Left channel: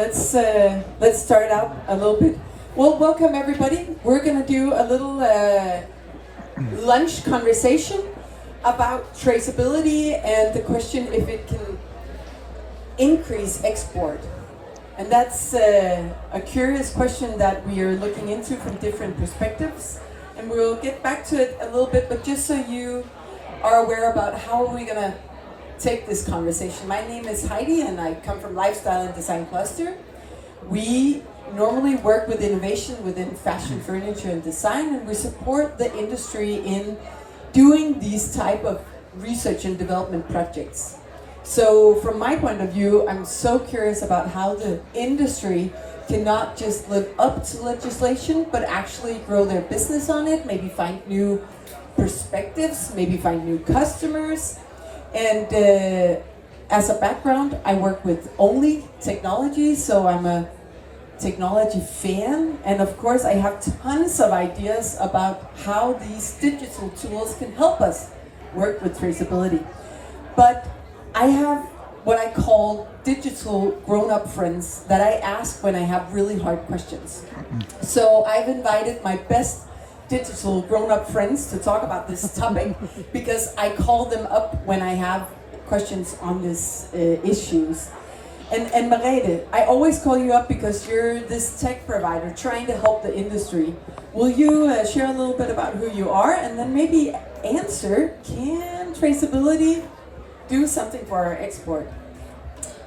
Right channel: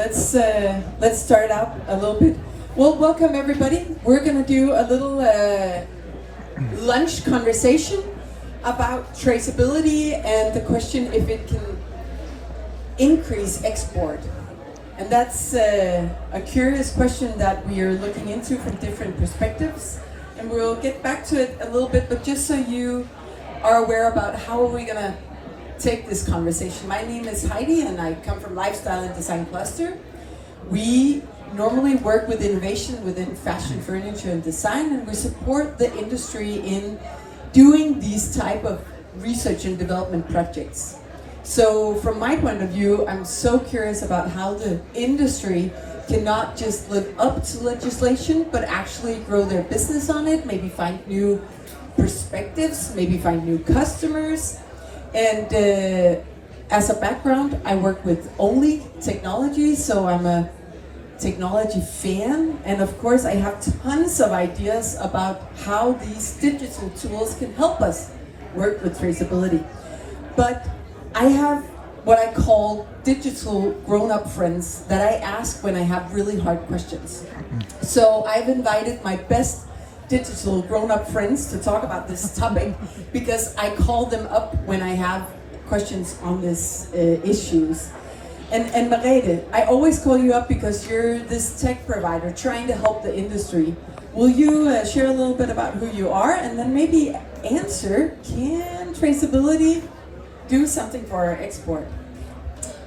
let's start out a little bit. Well, welcome everybody. We're gonna do a little lunch conversation about traceability and the question if it can increase export. And that's a curious question that we are looking into from different perspectives. And we'll get back to it a little bit, but just so you are aware about how are we gonna take this conversation. My name is Heidi and I come from Lifestyle and Design Cluster. We normally work with innovation within fashion, furniture and design, and we support the industry in doing these type of research and development projects. So from my point of view, I'm so curious about how the industry cannot just live up to legislation, but actually grow their business on it, maybe find new perspectives, maybe find new customers. And as a background, I work with only technology, so I'm a technology fan. And of course, I have tons of ideas about how these digital tools can help us work with traceability. But I have what I call digital grown-up friends that I ask when I have really hard questions. So I've invited my best digital grown-up friends to talk about this topic because I call them up when I have questions on these issues. And Merete, I always call you up because you're this tech provider trying to help the industry. Will you share a little bit about who you are and then maybe answer, can traceability do something for our export?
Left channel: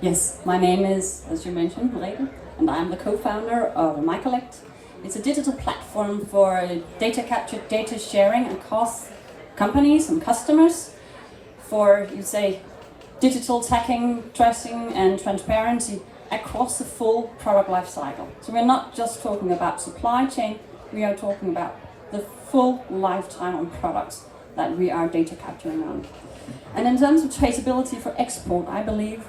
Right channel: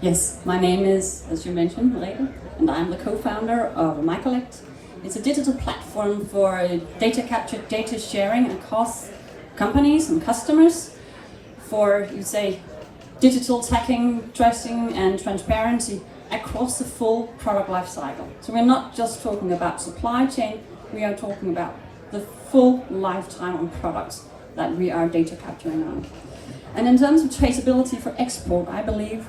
Yes, my name is, as you mentioned, Merete, and I'm the co-founder of MyCollect. It's a digital platform for data capture, data sharing across companies and customers for, you say, digital tracking, tracing and transparency across the full product life cycle. So we're not just talking about supply chain, we are talking about the full lifetime of products that we are data capturing on. And in terms of traceability for export, I believe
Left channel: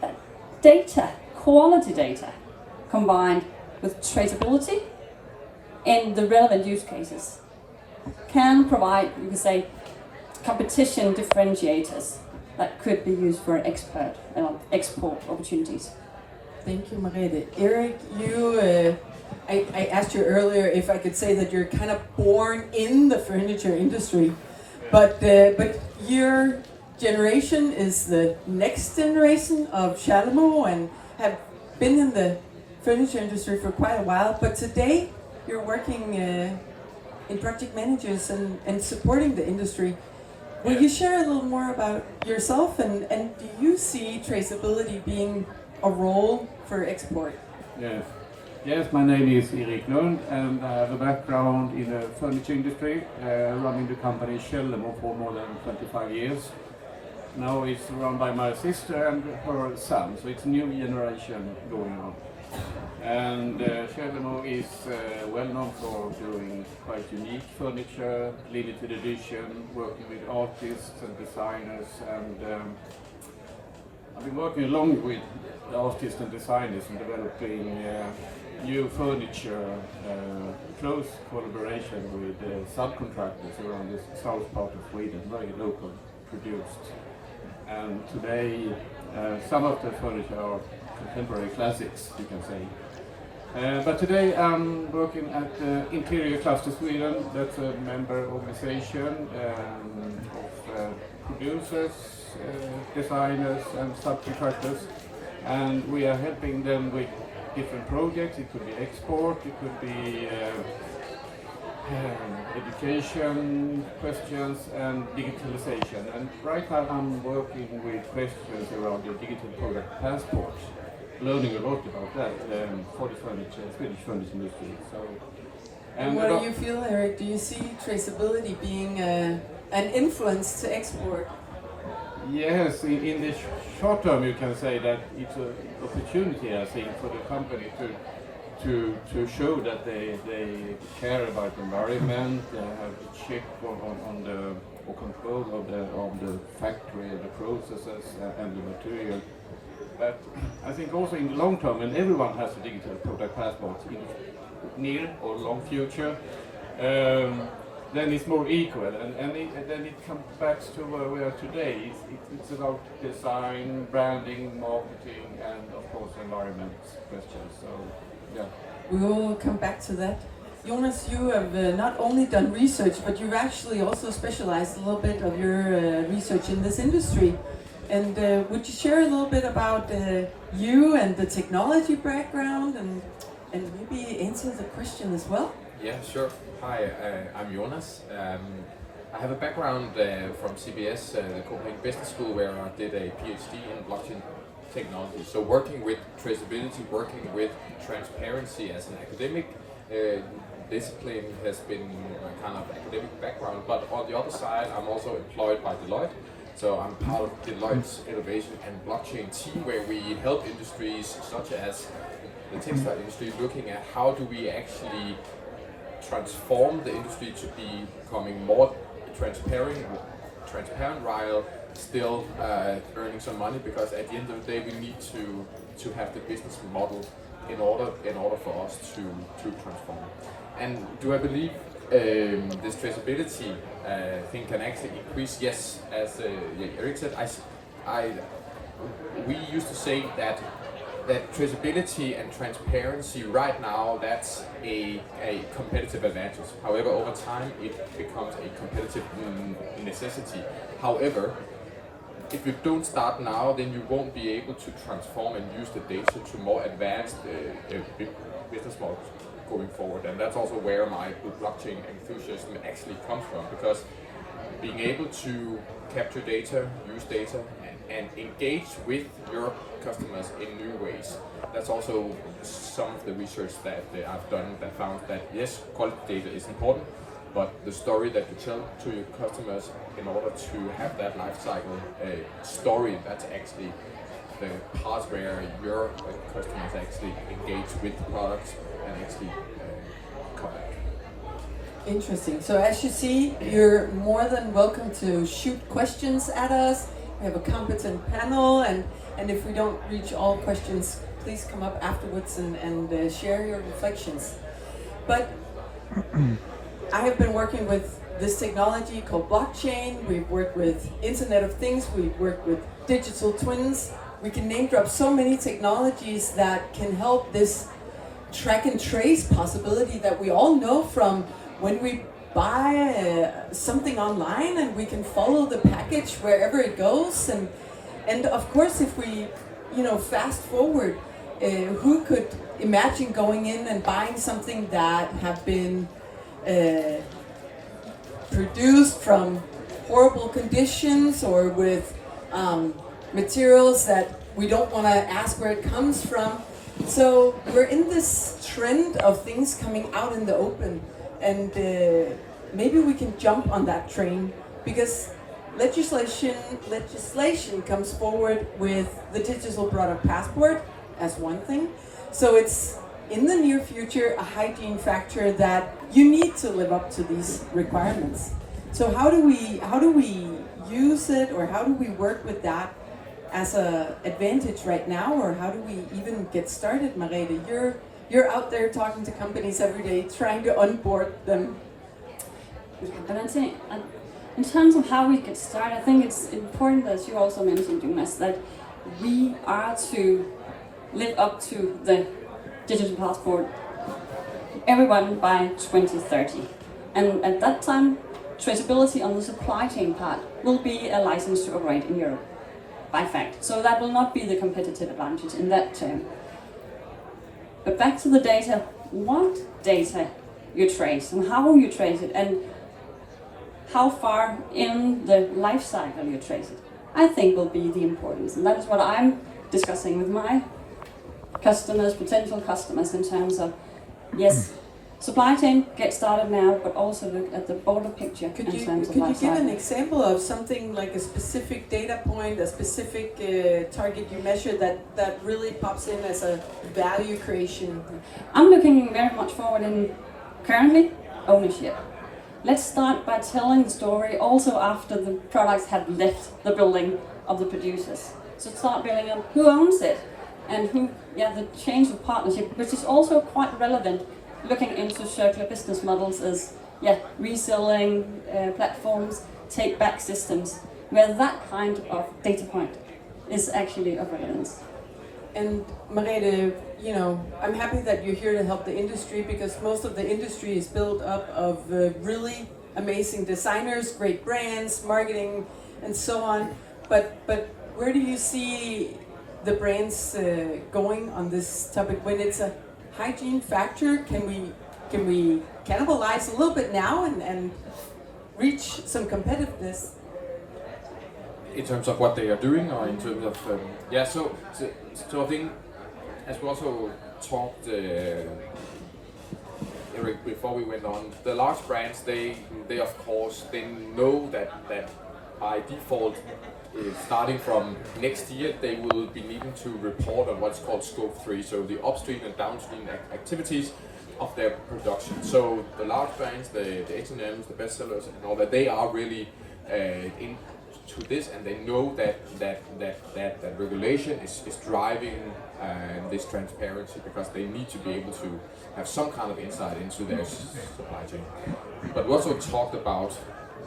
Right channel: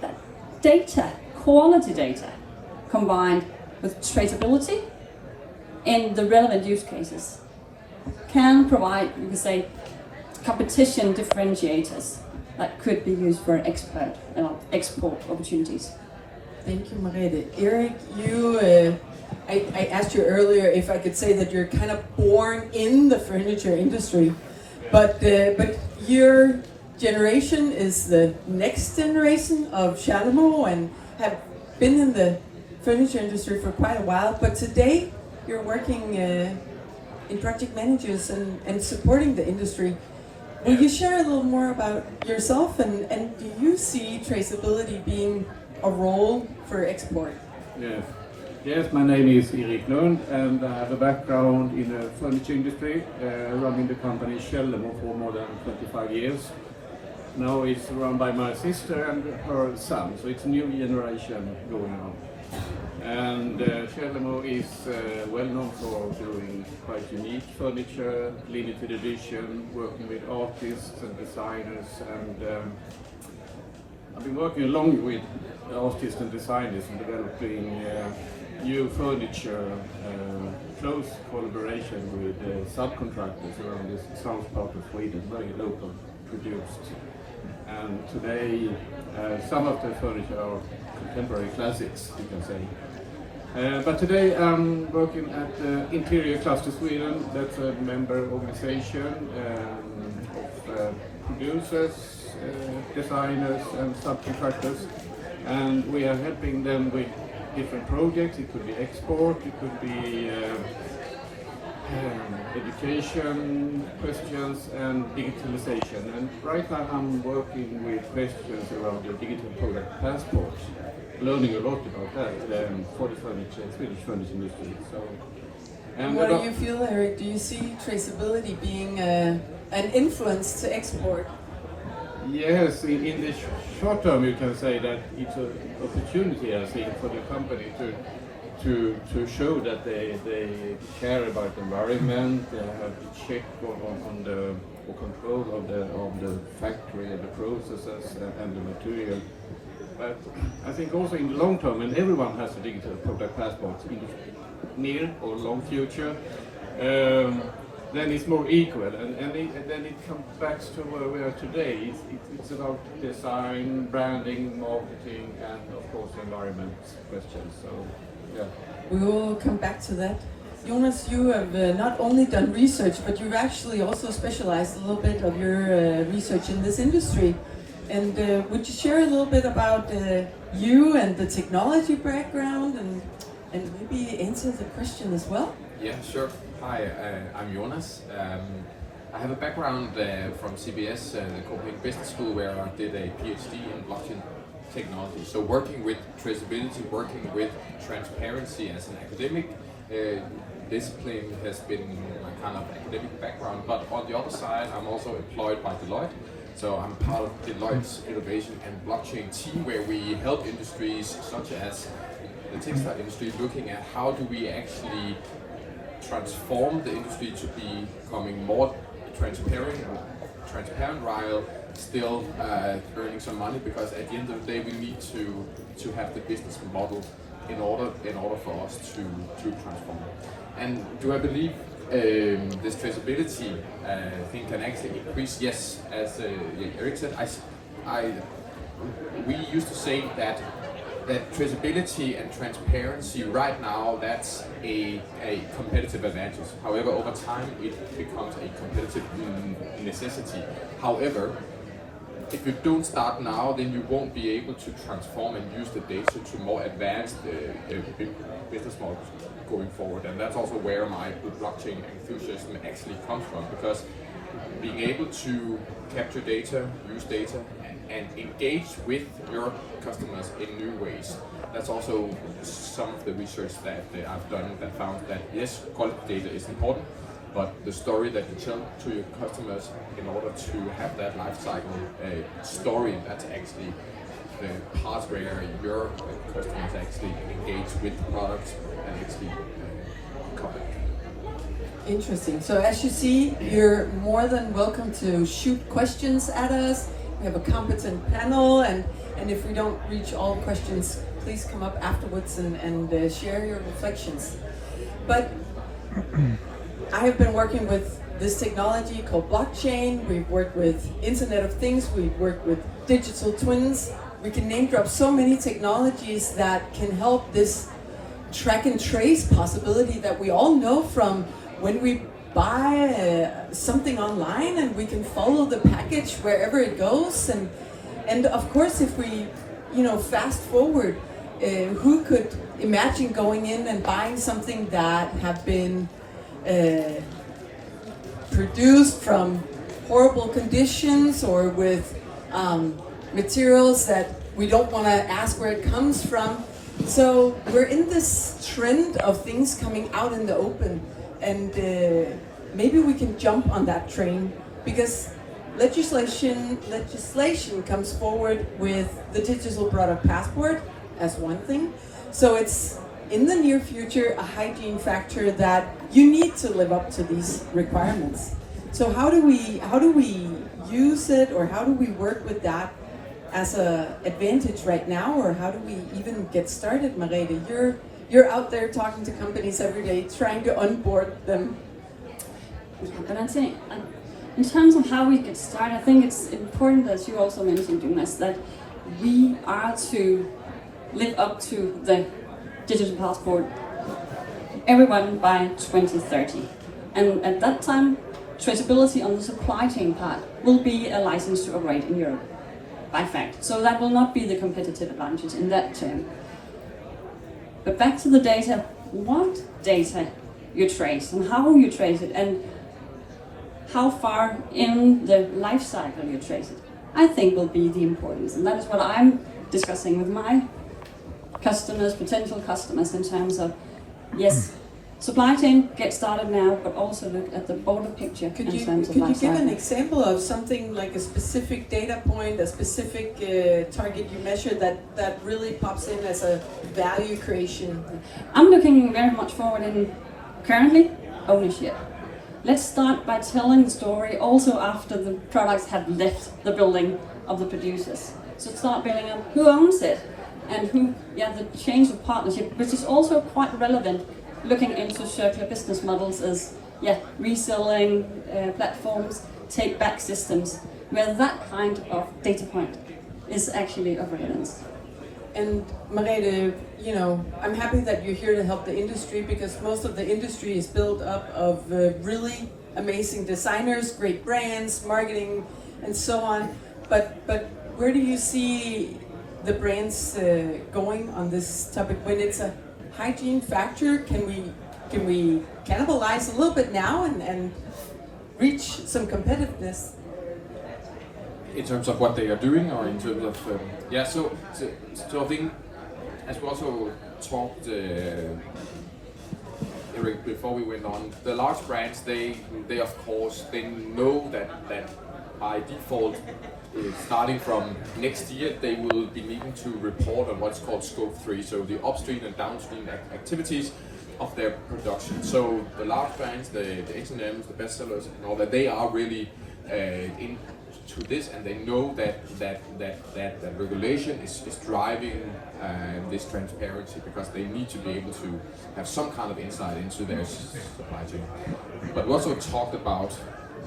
that data, quality data, combined with traceability in the relevant use cases can provide, you could say, competition differentiators that could be used for export opportunities. Thank you, Merete. Eric, I asked you earlier if I could say that you're kind of born in the furniture industry, but your generation is the next generation of Charlemo and have been in the furniture industry for quite a while, but today you're working in project managers and supporting the industry. Will you share a little more about yourself and do you see traceability being a role for export? Yes, my name is Erik Lund and I have a background in the furniture industry, running the company Charlemo for more than 25 years. Now it's run by my sister and her son, so it's a new generation going on. And Charlemo is well known for doing quite unique furniture, limited edition, working with artists and designers, and I've been working along with artists and designers in developing new furniture, close collaboration with subcontractors around the south part of Sweden, very local produced. And today some of the furniture are contemporary classics, you can say. But today I'm working at Interior Cluster Sweden. That's a member organization of producers, designers and subcontractors, and we are helping them with different projects. It could be export, it could be education questions and digitalization. And right now I'm working with questions around the digital product passports, learning a lot about that for the Swedish furniture industry. So, and what do you feel, Eric? Do you see traceability being an influence to export? Yes, in the short term you can say that it's an opportunity, I think, for the company to show that they care about the environment, they have a check on the control of the factory and the processes and the material. But I think also in the long term, and everyone has a digital product passport in the near or long future, then it's more equal, and then it comes back to where we are today. It's about design, branding, marketing, and of course environment questions. So, yeah. We will come back to that. Jonas, you have not only done research, but you've actually also specialized a little bit of your research in this industry. And would you share a little bit about you and the technology background, and maybe answer the question as well? Yeah, sure. Hi, I'm Jonas. I have a background from CBS, Copenhagen Business School, where I did a PhD in blockchain technology. So working with traceability, working with transparency as an academic discipline has been my kind of academic background. But on the other side, I'm also employed by Deloitte. So I'm part of Deloitte's innovation and blockchain team, where we help industries such as the textile industry looking at how do we actually transform the industry to be becoming more transparent while still earning some money, because at the end of the day we need to have the business model in order for us to transform. And do I believe this traceability thing can actually increase? Yes, as Erik said, we used to say that traceability and transparency right now, that's a competitive advantage. However, over time it becomes a competitive necessity. However, if you don't start now, then you won't be able to transform and use the data to more advanced business models going forward. And that's also where my blockchain enthusiasm actually comes from, because being able to capture data, use data, and engage with your customers in new ways. That's also some of the research that I've done that found that yes, quality data is important, but the story that you tell to your customers in order to have that life cycle story, that's actually the part where your customers actually engage with the product and actually come back. Interesting. So as you see, you're more than welcome to shoot questions at us. We have a competent panel, and if we don't reach all questions, please come up afterwards and share your reflections. But I have been working with this technology called blockchain. We've worked with Internet of Things. We've worked with digital twins. We can name drop so many technologies that can help this track and trace possibility that we all know from when we buy something online, and we can follow the package wherever it goes. And of course, if we fast forward, who could imagine going in and buying something that had been produced from horrible conditions, or with materials that we don't want to ask where it comes from? So we're in this trend of things coming out in the open, and maybe we can jump on that train, because legislation comes forward with the digital product passport as one thing. So it's in the near future a hygiene factor that you need to live up to these requirements. So how do we use it, or how do we work with that as an advantage right now, or how do we even get started? Merete, you're out there talking to companies every day, trying to onboard them. Yeah, but I'd say, in terms of how we get started, I think it's important, as you also mentioned, Jonas, that we are to live up to the digital passport, everyone by 2030. And at that time, traceability on the supply chain part will be a license to operate in Europe, by fact. So that will not be the competitive advantage in that term. But back to the data, what data you trace, and how you trace it, and how far in the life cycle you trace it, I think will be the importance. And that is what I'm discussing with my customers, potential customers, in terms of, yes, supply chain, get started now, but also look at the broader picture in terms of life cycle. Could you give an example of something like a specific data point, a specific target you measure that really pops in as a value creation? I'm looking very much forward in currently ownership. Let's start by telling the story also after the products have left the building of the producers. So start building up who owns it, and who, the change of partnership, which is also quite relevant looking into circular business models, is reselling platforms, take back systems, where that kind of data point is actually of relevance. And Merete, you know, I'm happy that you're here to help the industry, because most of the industry is built up of really amazing designers, great brands, marketing, and so on. But where do you see the brands going on this topic? When it's a hygiene factor, can we cannibalize a little bit now and reach some competitiveness? In terms of what they are doing, or in terms of so I think, as we also talked Eric before we went on, the large brands, they of course they know that by default, starting from next year, they will be needing to report on what's called scope 3, so the upstream and downstream activities of their production. So the large brands, the H&Ms, the bestsellers, and all that, they are really into this, and they know that regulation is driving this transparency, because they need to be able to have some kind of insight into their supply chain. But we also talked about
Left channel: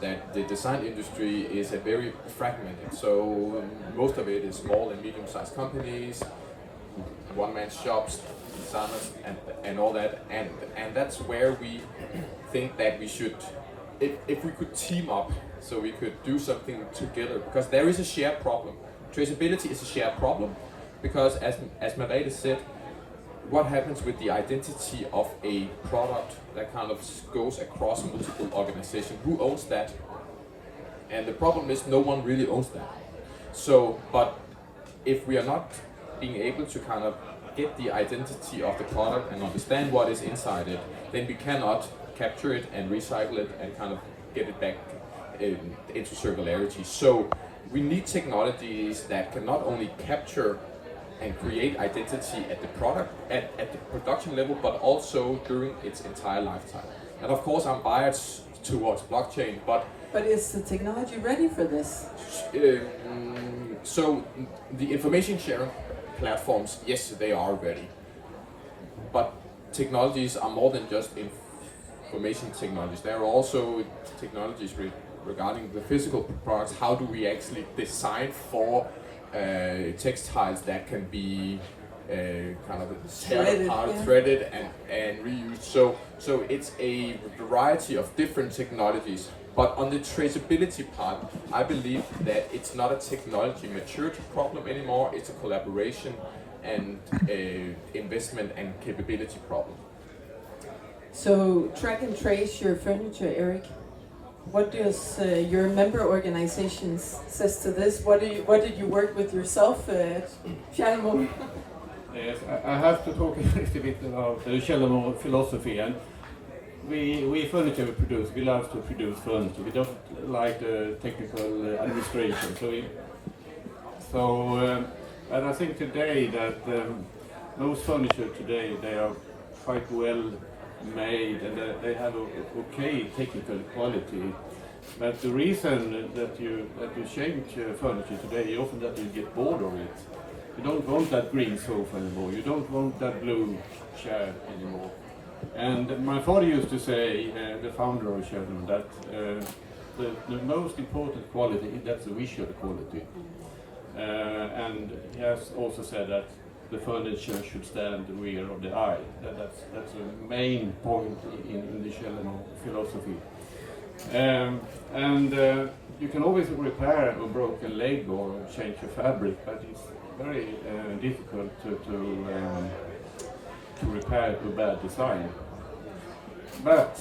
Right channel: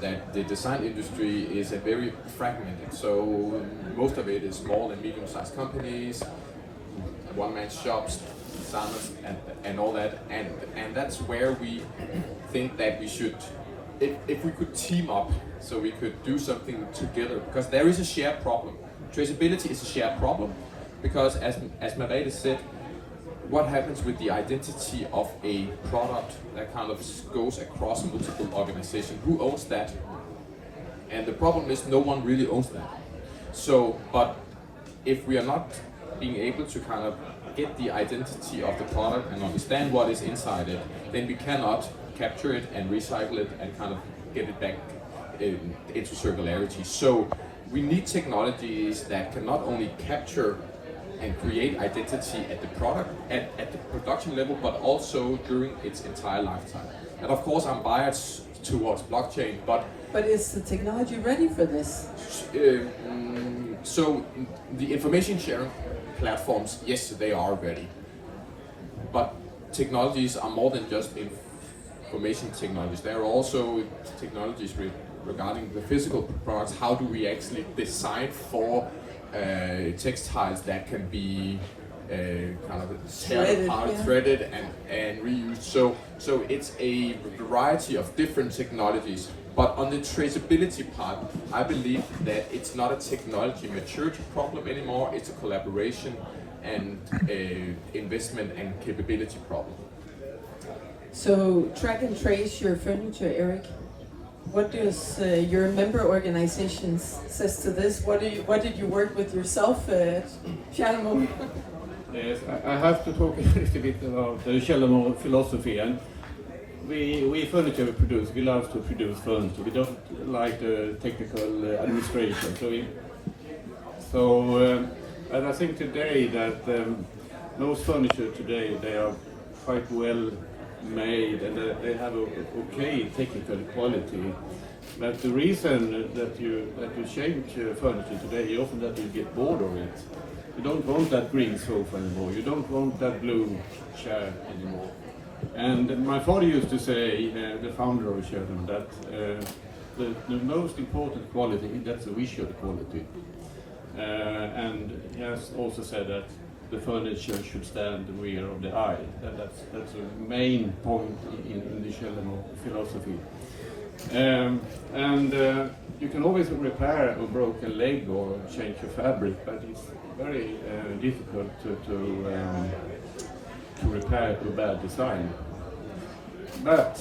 that the design industry is a very fragmented, so most of it is small and medium-sized companies, one-man shops, designers, and all that, and that's where we think that we should, if we could team up, so we could do something together, because there is a shared problem. Traceability is a shared problem, because as Merete said, what happens with the identity of a product that kind of goes across multiple organizations? Who owns that? And the problem is no one really owns that. So, but if we are not being able to kind of get the identity of the product and understand what is inside it, then we cannot capture it and recycle it and kind of get it back into circularity. So we need technologies that can not only capture and create identity at the product, at the production level, but also during its entire lifetime. And of course, I'm biased towards blockchain, but is the technology ready for this? So the information sharing platforms, yes, they are ready. But technologies are more than just information technologies. There are also technologies regarding the physical products. How do we actually design for textiles that can be kind of threaded and reused. So it's a variety of different technologies. But on the traceability part, I believe that it's not a technology maturity problem anymore. It's a collaboration and investment and capability problem. So track and trace your furniture, Eric. What does your member organization says to this? What did you work with yourself, Fjärmo? Yes, I have to talk a little bit about the Källarmo philosophy. And we furniture produce, we love to produce furniture. We don't like the technical administration. And I think today that most furniture today, they are quite well made and they have a okay technical quality. But the reason that you change furniture today is often that you get bored of it. You don't want that green sofa anymore. You don't want that blue chair anymore. And my father used to say, the founder of Sheldon, that the most important quality, that's the visual quality. And he has also said that the furniture should stand the rear of the eye. That's the main point in the Sheldon philosophy. You can always repair a broken leg or change a fabric, but it's very difficult to repair a bad design. But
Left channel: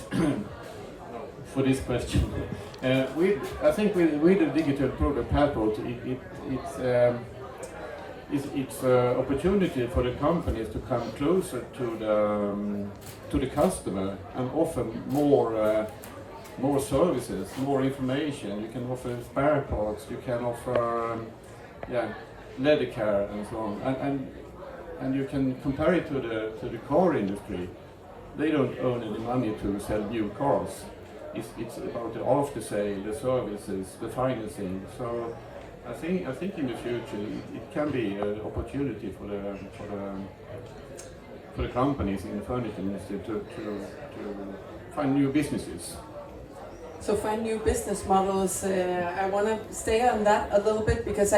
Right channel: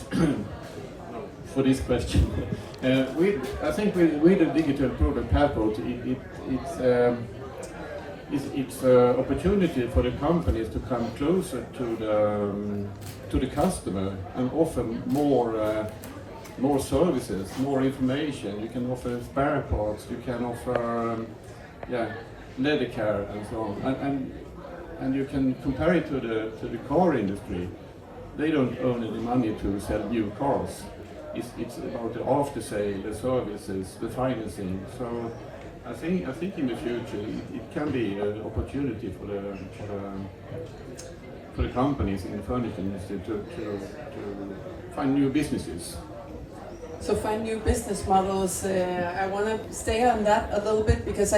for this question, I think with the digital product passport, it's an opportunity for the companies to come closer to the customer and offer more services, more information. You can offer spare parts, you can offer leather care and so on, and you can compare it to the car industry. They don't earn any money to sell new cars. It's about the after sale, the services, the financing. So I think in the future it can be an opportunity for the companies in the furniture industry to find new businesses. So find new business models. I want to stay on that a little bit because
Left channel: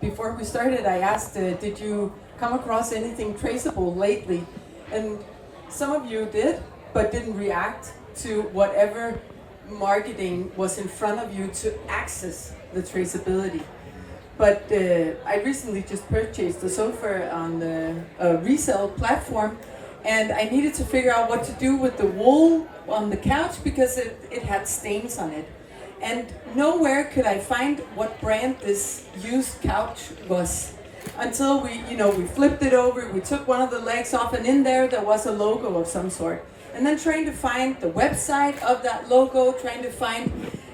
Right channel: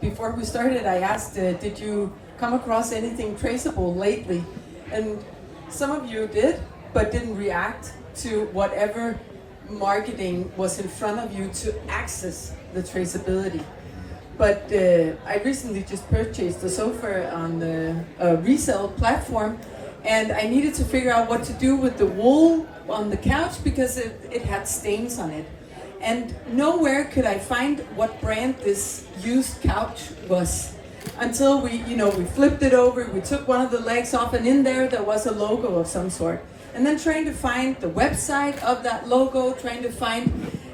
before we started, I asked, did you come across anything traceable lately? And some of you did, but didn't react to whatever marketing was in front of you to access the traceability. But I recently just purchased a sofa on a resale platform, and I needed to figure out what to do with the wool on the couch because it had stains on it. And nowhere could I find what brand this used couch was until we flipped it over, we took one of the legs off, and in there was a logo of some sort. And then trying to find the website of that logo, trying to find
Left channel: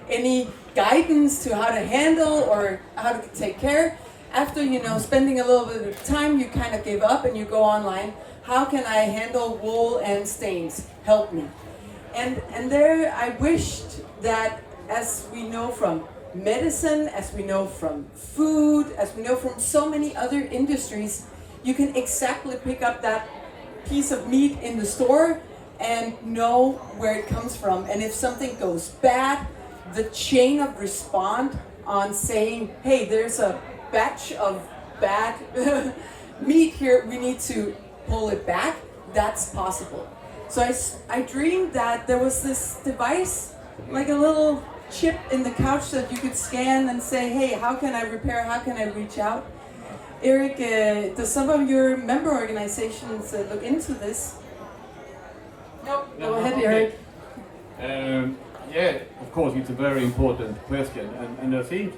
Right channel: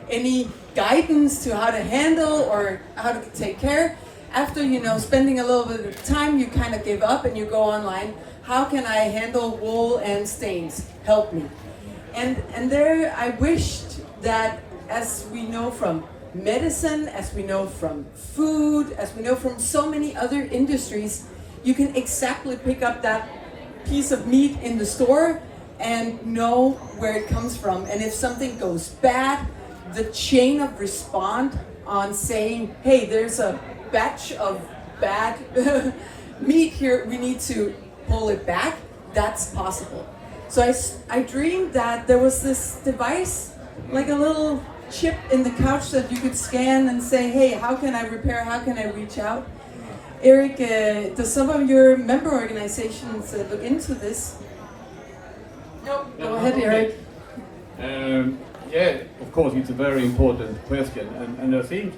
any guidance to how to handle or how to take care. After spending a little bit of time, you kind of give up and you go online. How can I handle wool and stains? Help me. And there I wished that, as we know from medicine, as we know from food, as we know from so many other industries, you can exactly pick up that piece of meat in the store and know where it comes from. And if something goes bad, the chain of response on saying, hey, there's a batch of bad meat here, we need to pull it back, that's possible. So I dreamed that there was this device, like a little chip in the couch that you could scan and say, hey, how can I repair, how can I reach out? Eric, does some of your member organizations look into this? No, go ahead, Eric. Yeah, of course, it's a very important question, and I think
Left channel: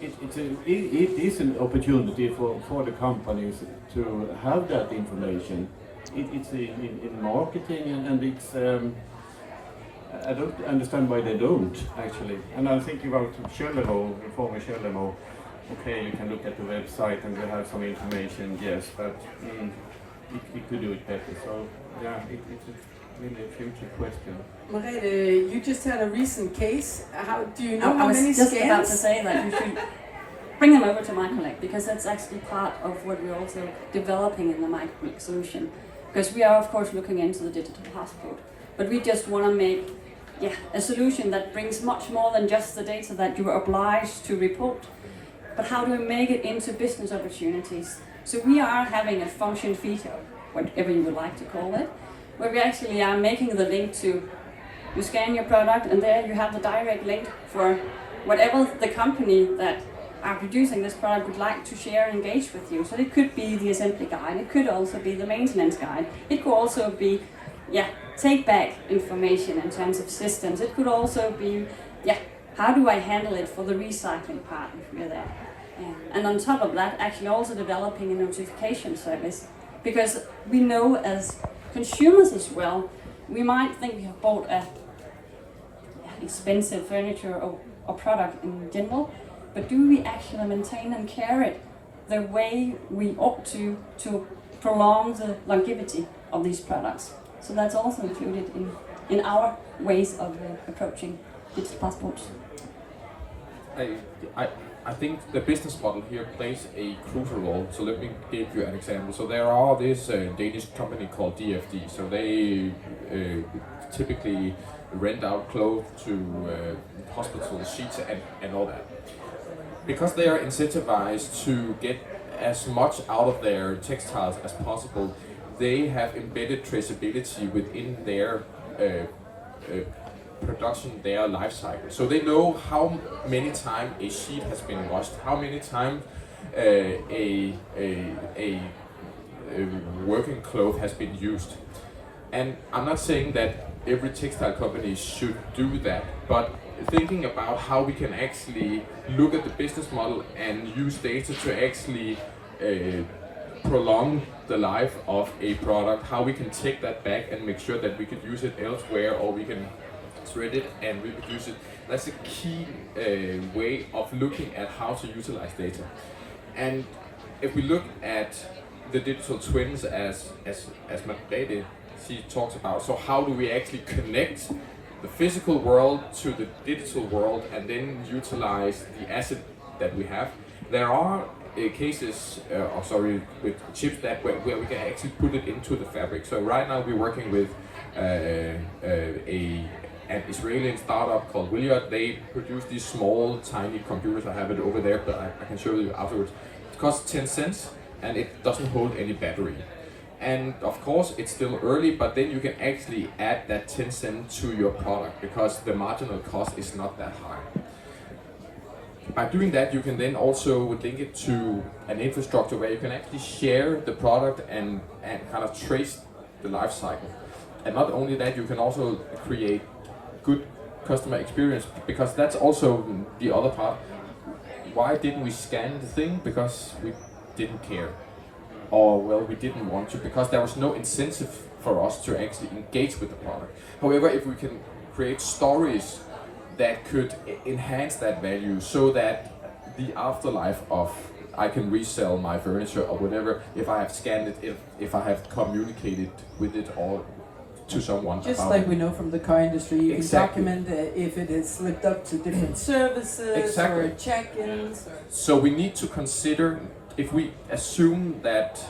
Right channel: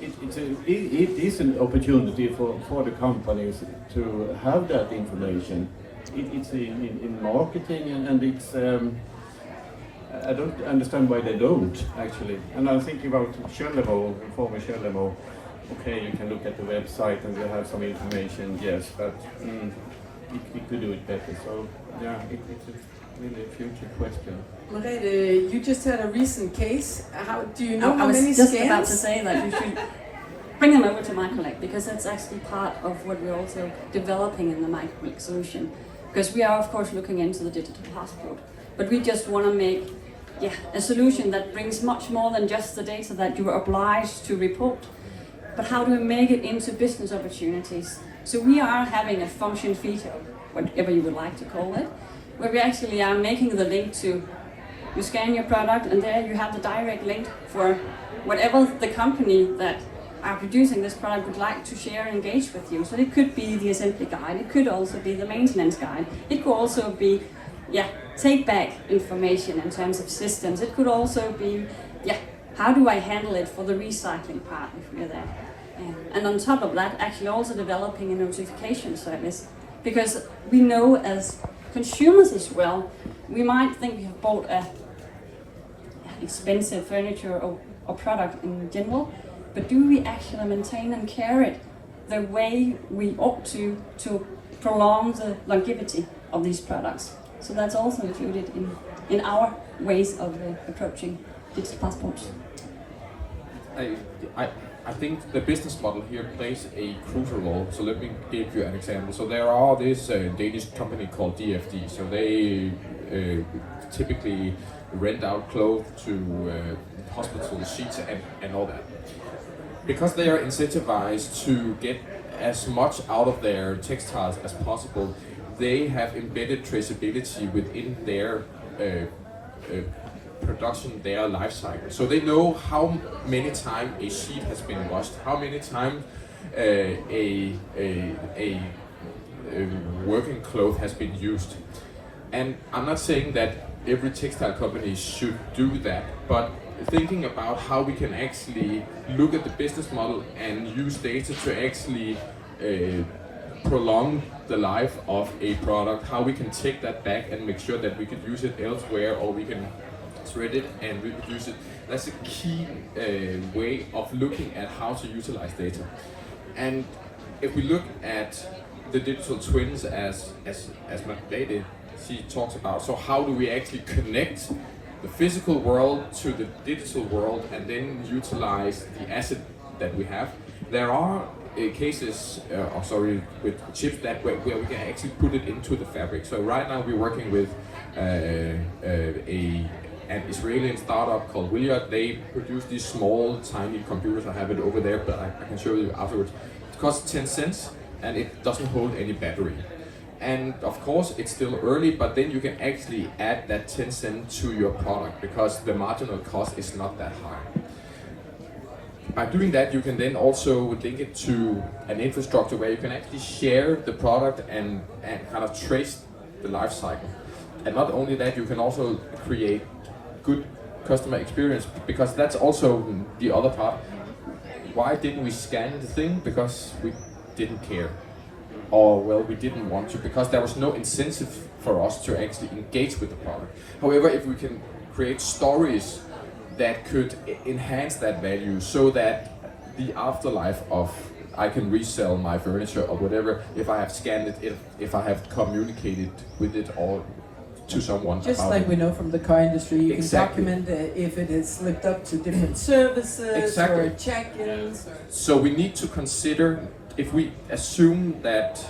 it is an opportunity for the companies to have that information. It's in marketing, and it's I don't understand why they don't actually. And I'm thinking about Kjellemo, former Kjellemo. Okay, you can look at the website and you have some information, yes, but it could do it better. So yeah, it's a really future question. Merete, you just had a recent case. How do you know I how was many just scams? about to say that you should bring them over to MyCollect, because that's actually part of what we're also developing in the MyCollect solution. Because we are of course looking into the digital passport, but we just want to make a solution that brings much more than just the data that you are obliged to report, but how do we make it into business opportunities? So we are having a function feature, whatever you would like to call it, where we actually are making the link to, you scan your product and there you have the direct link for whatever the company that are producing this product would like to share and engage with you. So it could be the assembly guide, it could also be the maintenance guide, it could also be take back information in terms of systems, it could also be how do I handle it for the recycling part if we're there. And on top of that, actually also developing a notification service, because we know as consumers as well, we might think we have bought a expensive furniture or product in general, but do we actually maintain and care it the way we ought to prolong the longevity of these products? So that's also included in our ways of approaching digital passports. I think the business model here plays a crucial role. So let me give you an example. So there are this Danish company called DFD. So they typically rent out clothes to hospital sheets and all that. Because they are incentivized to get as much out of their textiles as possible, they have embedded traceability within their production, their life cycle. So they know how many times a sheet has been washed, how many times a working cloth has been used. And I'm not saying that every textile company should do that, but thinking about how we can actually look at the business model and use data to actually prolong the life of a product, how we can take that back and make sure that we could use it elsewhere, or we can thread it and reproduce it. That's a key way of looking at how to utilize data. And if we look at the digital twins as Merete, she talks about, so how do we actually connect the physical world to the digital world and then utilize the asset that we have? There are cases, with chips that where we can actually put it into the fabric. So right now we're working with an Israeli startup called Williard. They produce these small, tiny computers. I have it over there, but I can show you afterwards. It costs 10 cents and it doesn't hold any battery. And of course, it's still early, but then you can actually add that 10 cents to your product because the marginal cost is not that high. By doing that, you can then also link it to an infrastructure where you can actually share the product and kind of trace the life cycle. And not only that, you can also create good customer experience, because that's also the other part. Why didn't we scan the thing? Because we didn't care. Or well, we didn't want to, because there was no incentive for us to actually engage with the product. However, if we can create stories that could enhance that value, so that the afterlife of I can resell my furniture or whatever if I have scanned it, if I have communicated with it or to someone. Just like we know from the car industry, you Exactly. can document if it is lived up to different services Exactly. or check-ins. So we need to consider, if we assume that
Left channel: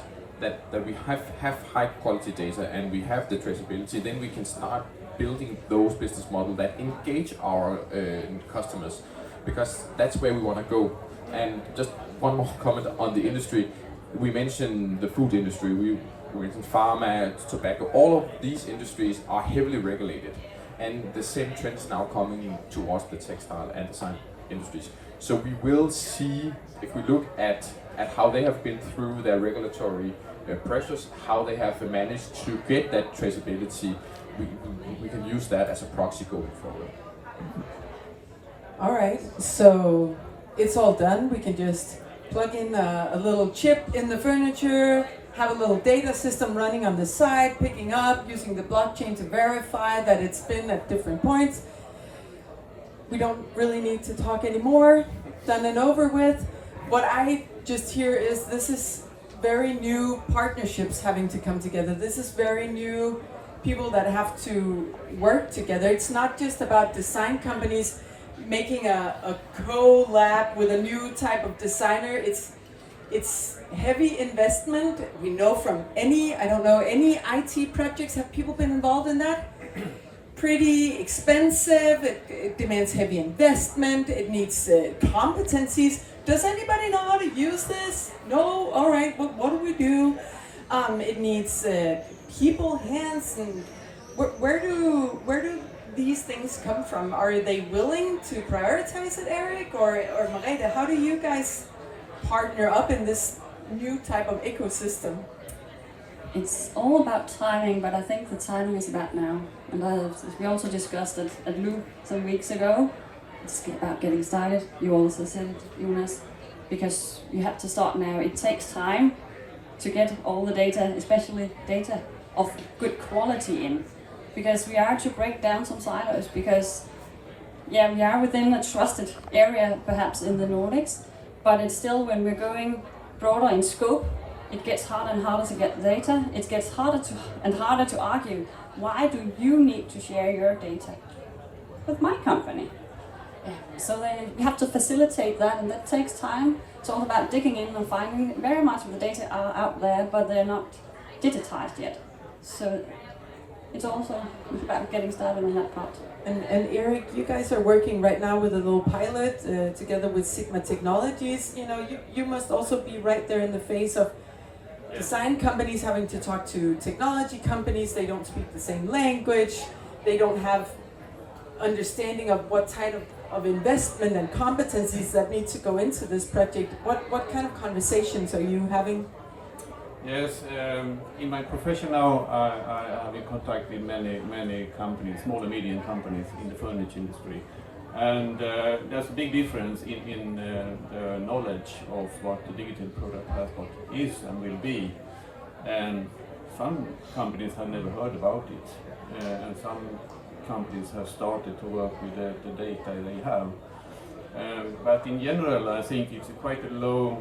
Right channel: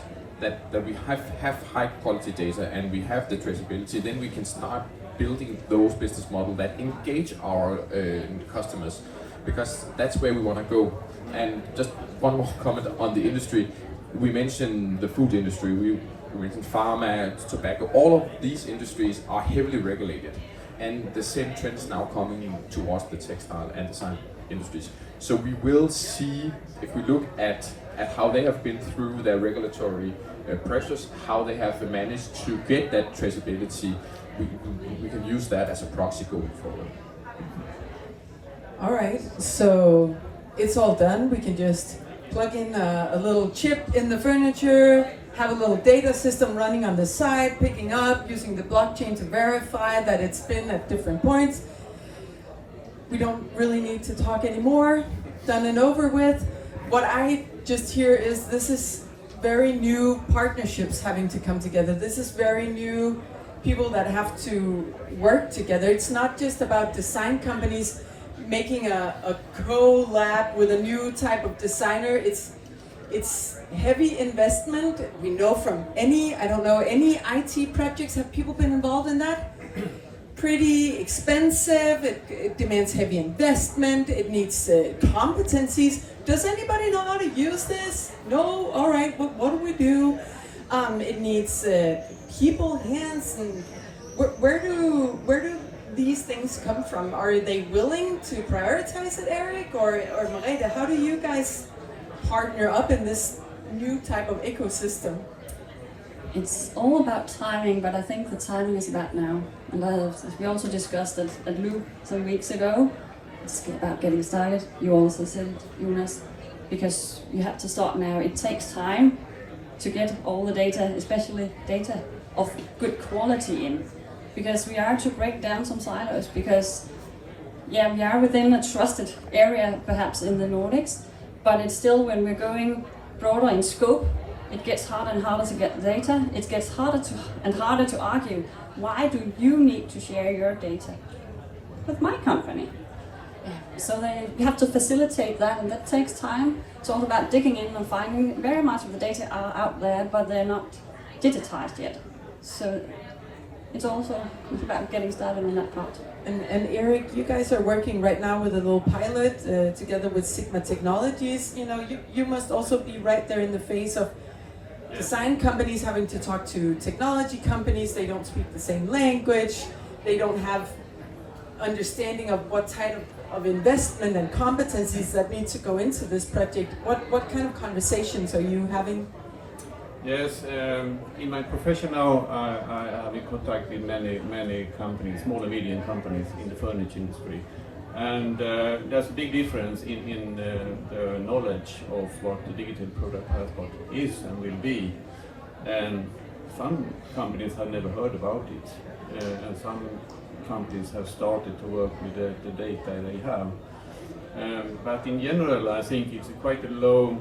we have high quality data and we have the traceability, then we can start building those business models that engage our customers, because that's where we want to go. And just one more comment on the industry. We mentioned the food industry, we mentioned pharma, tobacco. All of these industries are heavily regulated, and the same trend is now coming towards the textile and design industries. So we will see, if we look at how they have been through their regulatory pressures, how they have managed to get that traceability, we can use that as a proxy going forward. All right, so it's all done. We can just plug in a little chip in the furniture, have a little data system running on the side, picking up, using the blockchain to verify that it's been at different points. We don't really need to talk anymore. Done and over with. What I just hear is this is very new partnerships having to come together. This is very new people that have to work together. It's not just about design companies making a collab with a new type of designer. It's heavy investment. We know from any IT projects, have people been involved in that? Pretty expensive, it demands heavy investment, it needs competencies. Does anybody know how to use this? No? All right, what do we do? It needs people, hands, and where do these things come from? Are they willing to prioritize it, Eric? Or Merete, how do you guys partner up in this new type of ecosystem? It's all about timing, but I think the timing is about now. And as we also discussed it at Loop some weeks ago, it's about getting started. You also said it, Jonas, because you have to start now. It takes time to get all the data, especially data of good quality in, because we are to break down some silos, because yeah, we are within a trusted area perhaps in the Nordics, but it's still, when we're going broader in scope, it gets harder and harder to get data. It gets harder to argue, why do you need to share your data with my company? So we have to facilitate that, and that takes time. It's all about digging in and finding. Very much of the data are out there, but they're not digitized yet. So it's also about getting started on that part. And Eric, you guys are working right now with a little pilot together with Sigma Technologies. You know, you must also be right there in the face of design companies having to talk to technology companies. They don't speak the same language. They don't have understanding of what type of investment and competencies that need to go into this project. What kind of conversations are you having? Yes, in my profession now, I have in contact with many companies, small and medium companies in the furniture industry. And there's a big difference in the knowledge of what the digital product passport is and will be. And some companies have never heard about it, and some companies have started to work with the data they have. But in general, I think it's quite a low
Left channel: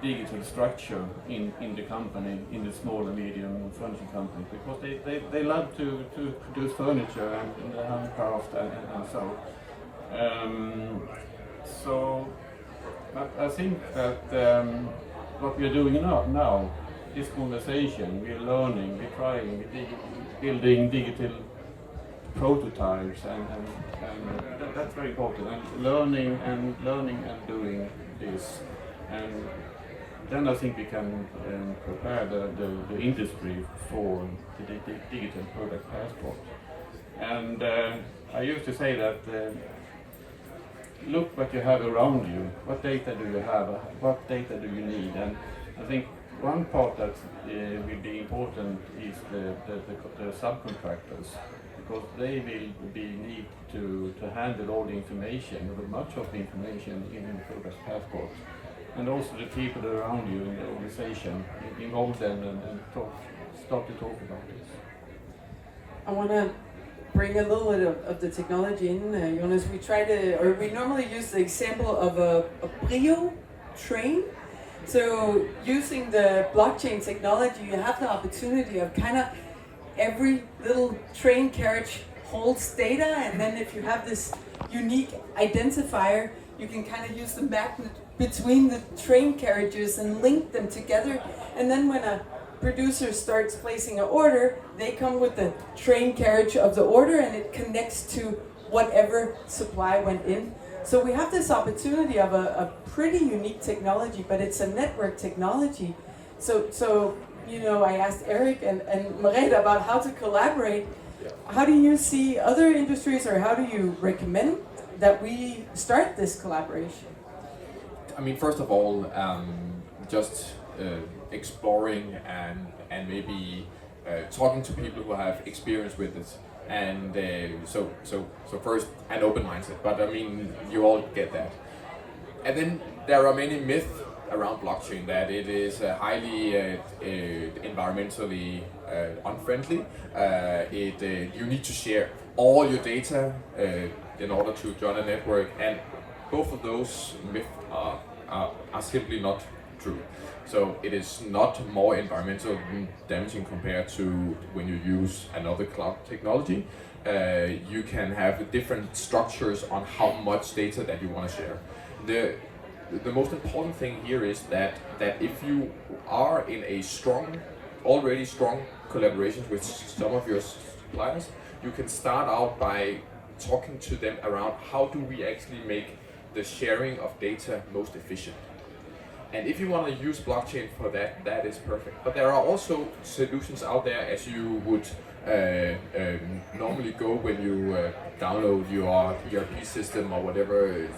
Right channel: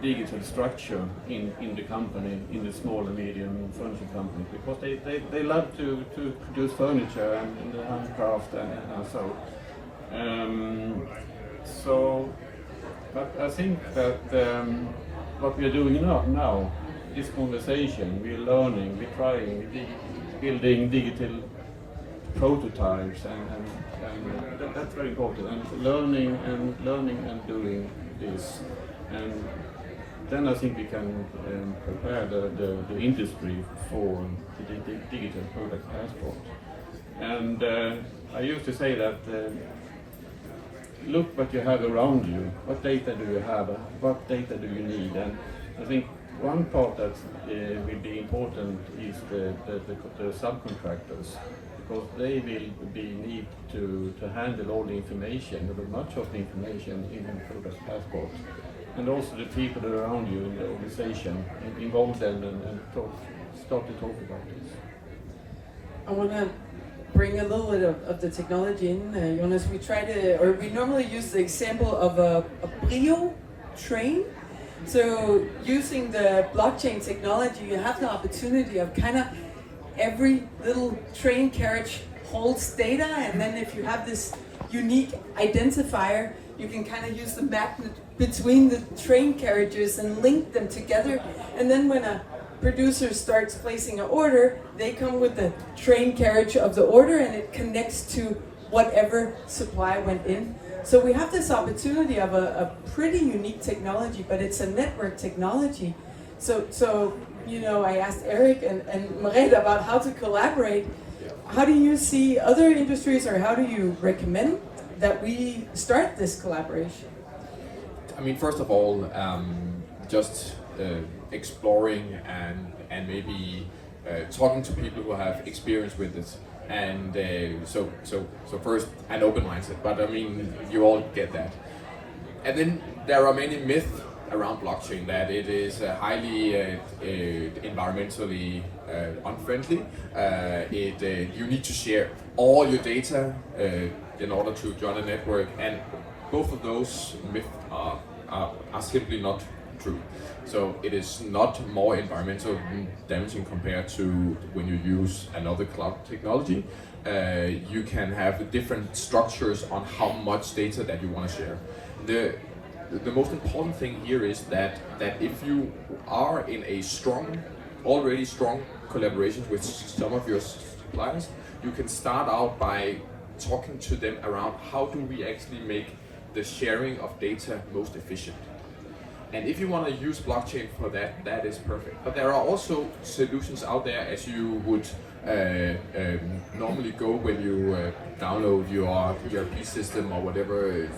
digital structure in the company, in the small and medium furniture companies, because they love to produce furniture and handcraft and so. So But I think that what we are doing now, this conversation, we're learning, we're trying, building digital prototypes, and that's very important. And learning and doing this, and then I think we can prepare the industry for the digital product passport. And I used to say that look what you have around you, what data do you have, what data do you need, and I think one part that will be important is the subcontractors, because they will need to handle all the information, or much of the information in the product passport, and also the people around you in the organization, involve them and start to talk about this. I want to bring a little bit of the technology in, Jonas. We normally use the example of a Brio train. So using the blockchain technology, you have the opportunity of kind of every little train carriage holds data, and then if you have this unique identifier, you can kind of use the magnet between the train carriages and link them together. And then when a producer starts placing an order, they come with the train carriage of the order, and it connects to whatever supply went in. So we have this opportunity of a pretty unique technology, but it's a network technology. So you know, I asked Eric and Merete about how to collaborate. Yeah. How do you see other industries, or how do you recommend that we start this collaboration? I mean, first of all, just exploring and maybe talking to people who have experience with this. And so first, an open mindset, but I mean, you all get that. And then there are many myths around blockchain, that it is highly environmentally unfriendly. You need to share all your data in order to join a network, and both of those myths are simply not true. So it is not more environmentally damaging compared to when you use another cloud technology. You can have different structures on how much data that you want to share. The most important thing here is that if you are in a already strong collaboration with some of your suppliers, you can start out by talking to them around how do we actually make the sharing of data most efficient. And if you want to use blockchain for that, that is perfect. But there are also solutions out there, as you would normally go when you download your ERP system or whatever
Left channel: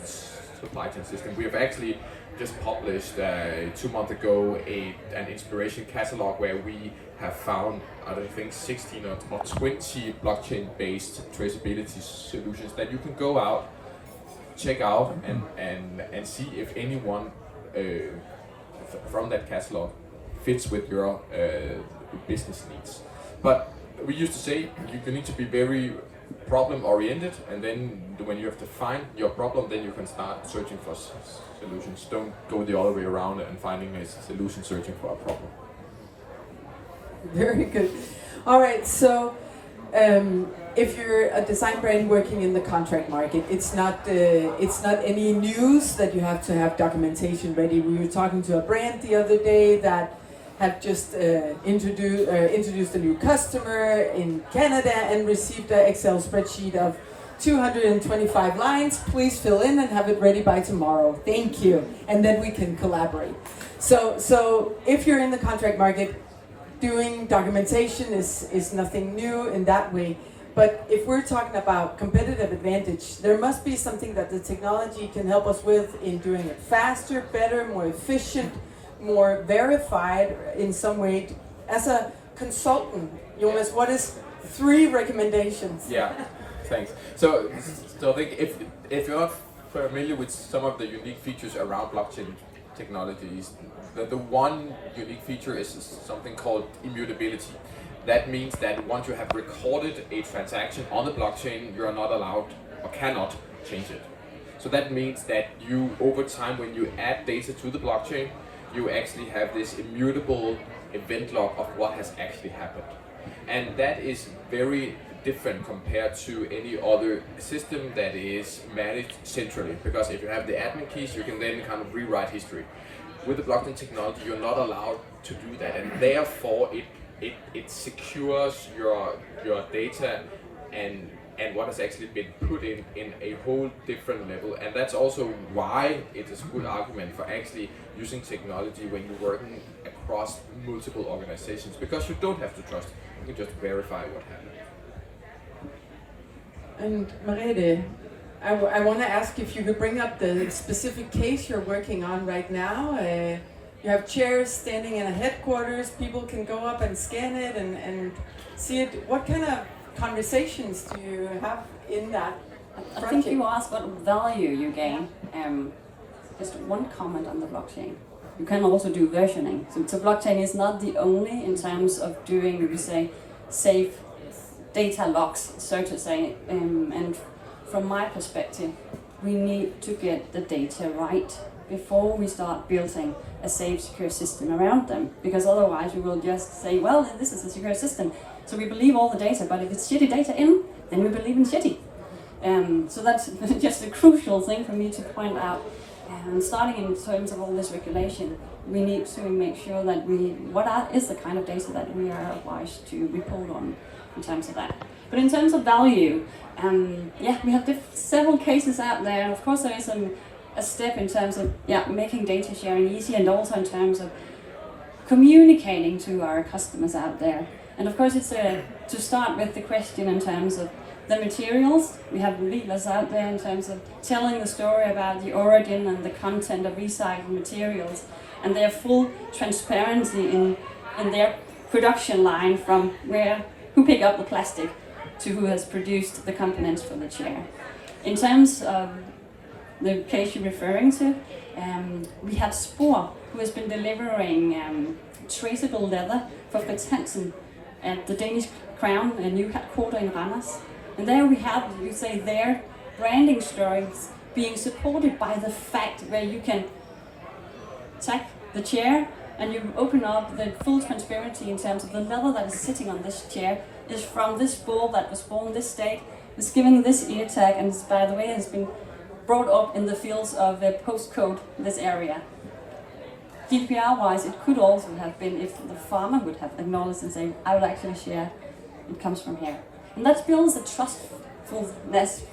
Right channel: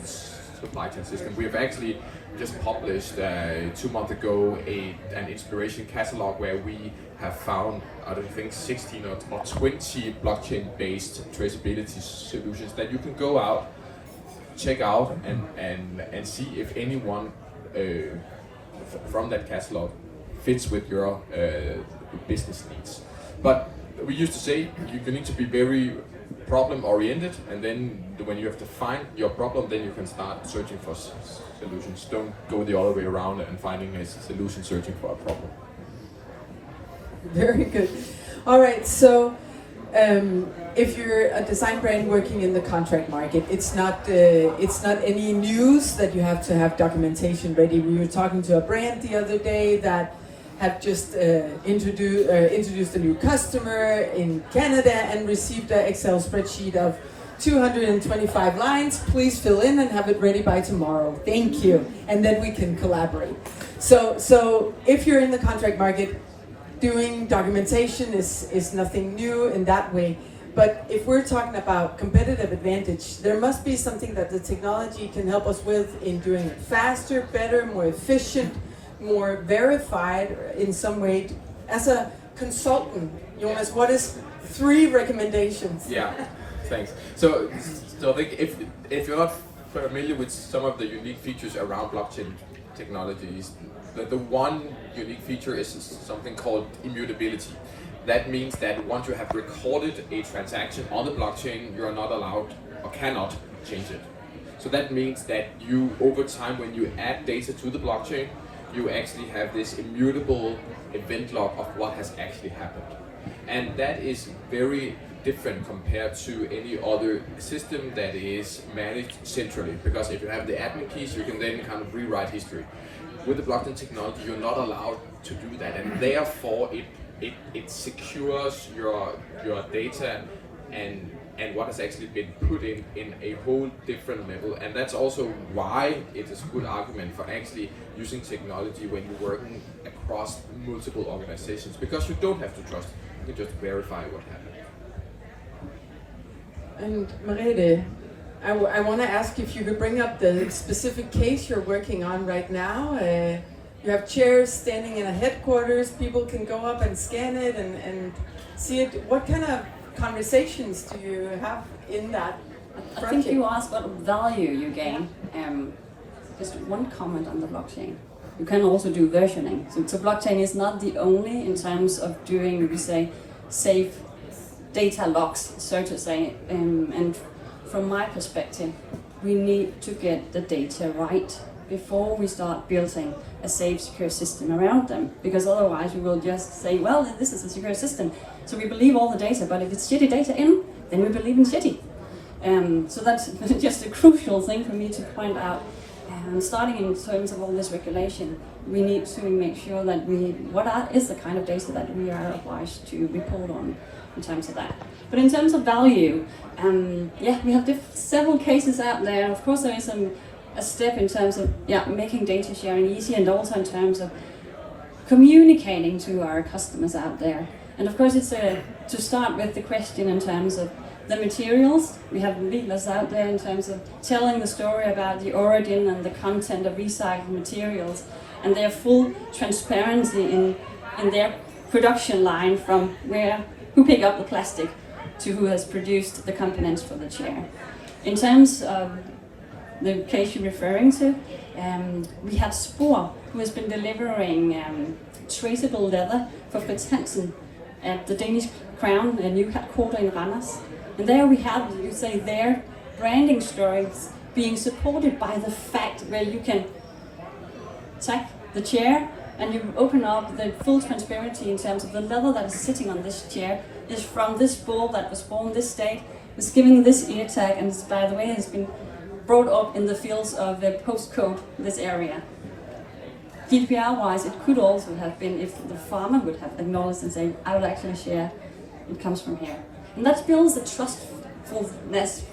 supply chain system. We have actually just published 2 months ago an inspiration catalog where we have found, I think, 16 or 20 blockchain-based traceability solutions that you can go out, check out, and see if anyone from that catalog fits with your business needs. But we used to say you need to be very problem oriented, and then when you have to find your problem, then you can start searching for solutions. Don't go the other way around and finding a solution searching for a problem. Very good. All right, so if you're a design brand working in the contract market, it's not any news that you have to have documentation ready. We were talking to a brand the other day that have just introduced a new customer in Canada and received an Excel spreadsheet of 225 lines. Please fill in and have it ready by tomorrow. Thank you. And then we can collaborate. So if you're in the contract market, doing documentation is nothing new in that way. But if we're talking about competitive advantage, there must be something that the technology can help us with in doing it faster, better, more efficient, more verified in some way. As a consultant, Jonas, what is 3 recommendations? Yeah, thanks. So I think if you're not familiar with some of the unique features around blockchain technologies, the one unique feature is something called immutability. That means that once you have recorded a transaction on the blockchain, you are not allowed or cannot change it. So that means that you, over time, when you add data to the blockchain, you actually have this immutable event log of what has actually happened. And that is very different compared to any other system that is managed centrally. Because if you have the admin keys, you can then kind of rewrite history. With the blockchain technology, you're not allowed to do that, and therefore it secures your data and what has actually been put in a whole different level. And that's also why it is a good argument for actually using technology when you're working across multiple organizations, because you don't have to trust, you can just verify what happened. And Merete, I want to ask if you could bring up the specific case you're working on right now. You have chairs standing in a headquarters, people can go up and scan it and see it. What kind of conversations do you have in that project? I think you asked what value you gain. Just one comment on the blockchain. You can also do versioning. So blockchain is not the only in terms of doing, we say, safe data locks, so to say. And from my perspective, we need to get the data right before we start building a safe, secure system around them. Because otherwise we will just say, well, this is a secure system, so we believe all the data, but if it's shitty data in, then we believe in shitty. So that's just a crucial thing for me to point out. Starting in terms of all this regulation, we need to make sure that what is the kind of data that we are obliged to report on in terms of that. But in terms of value, we have several cases out there. And of course, there is a step in terms of making data sharing easy, and also in terms of communicating to our customers out there. And of course, it's to start with the question in terms of the materials. We have leaders out there in terms of telling the story about the origin and the content of recycled materials, and their full transparency in their production line, from who pick up the plastic to who has produced the components for the chair. In terms of the case you're referring to, we have Spor, who has been delivering traceable leather for Fritz at the Danish Crown, a new headquarter in Randers. And there we have, you say, their branding stories being supported by the fact where you can take the chair and you open up the full transparency in terms of the leather that is sitting on this chair is from this bull that was born this state, was given this ear tag, and by the way has been brought up in the fields of the postcode, this area. GDPR-wise, it could also have been if the farmer would have acknowledged and say, I will actually share, it comes from here. And that builds a trustfulness,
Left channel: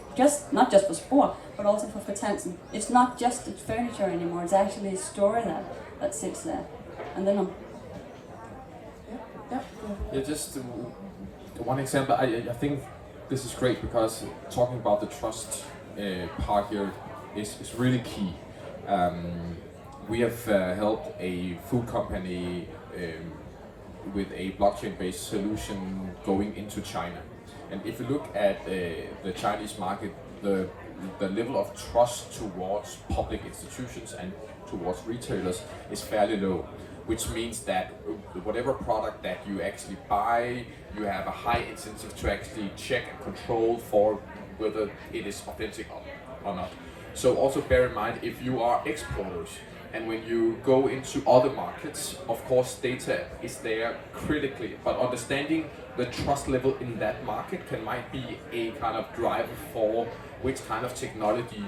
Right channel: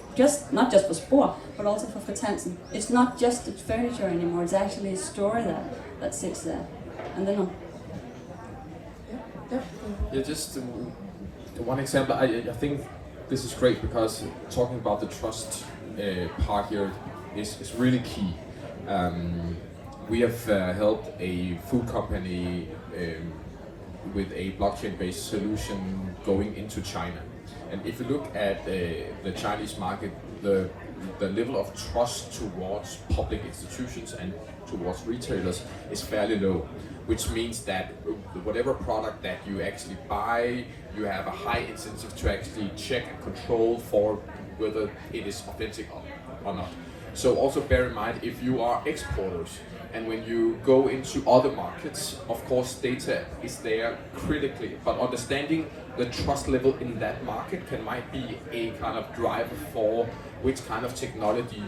not just for Spor, but also for Fritz. It's not just the furniture anymore, it's actually a story that sits there. And then just one example, I think this is great, because talking about the trust part here is really key. We have helped a food company with a blockchain-based solution going into China. And if you look at the Chinese market, the level of trust towards public institutions and towards retailers is fairly low, which means that whatever product that you actually buy, you have a high incentive to actually check and control for whether it is authentic or not. So also bear in mind, if you are exporters, and when you go into other markets, of course data is there critically, but understanding the trust level in that market might be a kind of driver for which kind of technology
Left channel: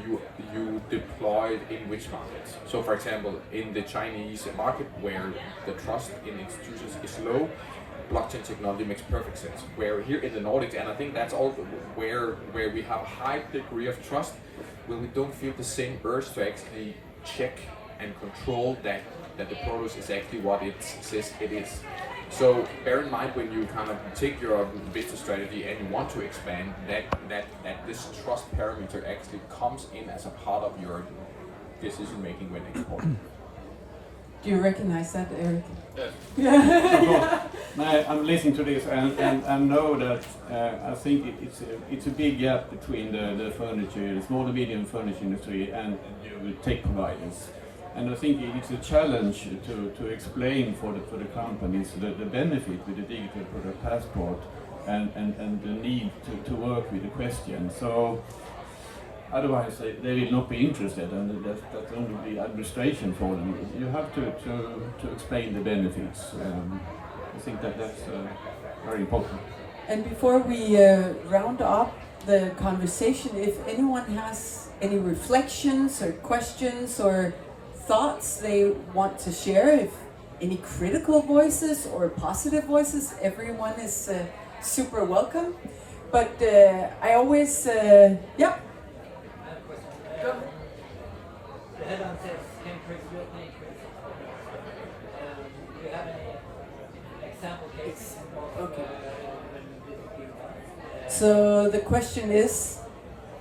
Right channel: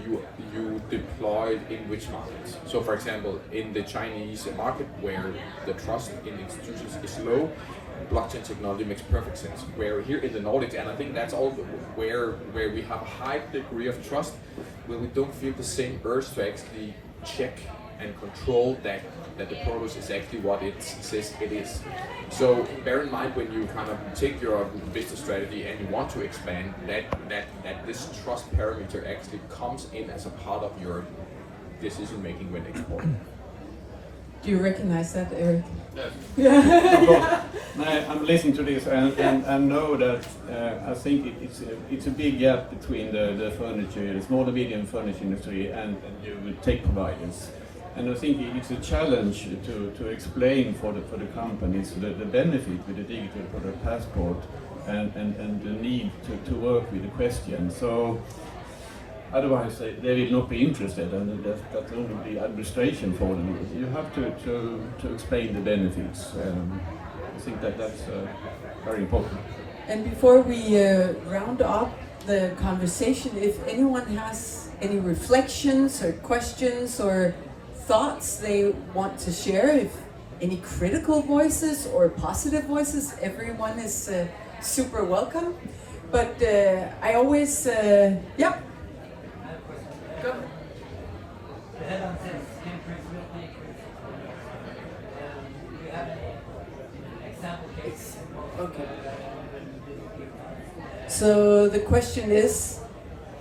you deploy in which markets. So for example, in the Chinese market, where the trust in institutions is low, blockchain technology makes perfect sense. Where here in the Nordics, and I think that's all where we have a high degree of trust, where we don't feel the same urge to actually check and control that the product is actually what it says it is. So bear in mind, when you kind of take your business strategy and you want to expand, that this trust parameter actually comes in as a part of your decision making when exporting. Do you recognize that, Eric? Yeah. I'm listening to this and know that I think it's a big gap between the furniture, the small and medium furniture industry, and the tech providers. And I think it's a challenge to explain for the companies the benefit with the digital product passport and the need to work with the question. So otherwise they will not be interested, and that's only the administration for them. You have to explain the benefits. I think that's very important. And before we round up the conversation, if anyone has any reflections or questions or thoughts they want to share, if any critical voices or positive voices, everyone is super welcome. But I always, yeah. Go. The headline says, can traceability increase? We have an example case. Okay. So the question is,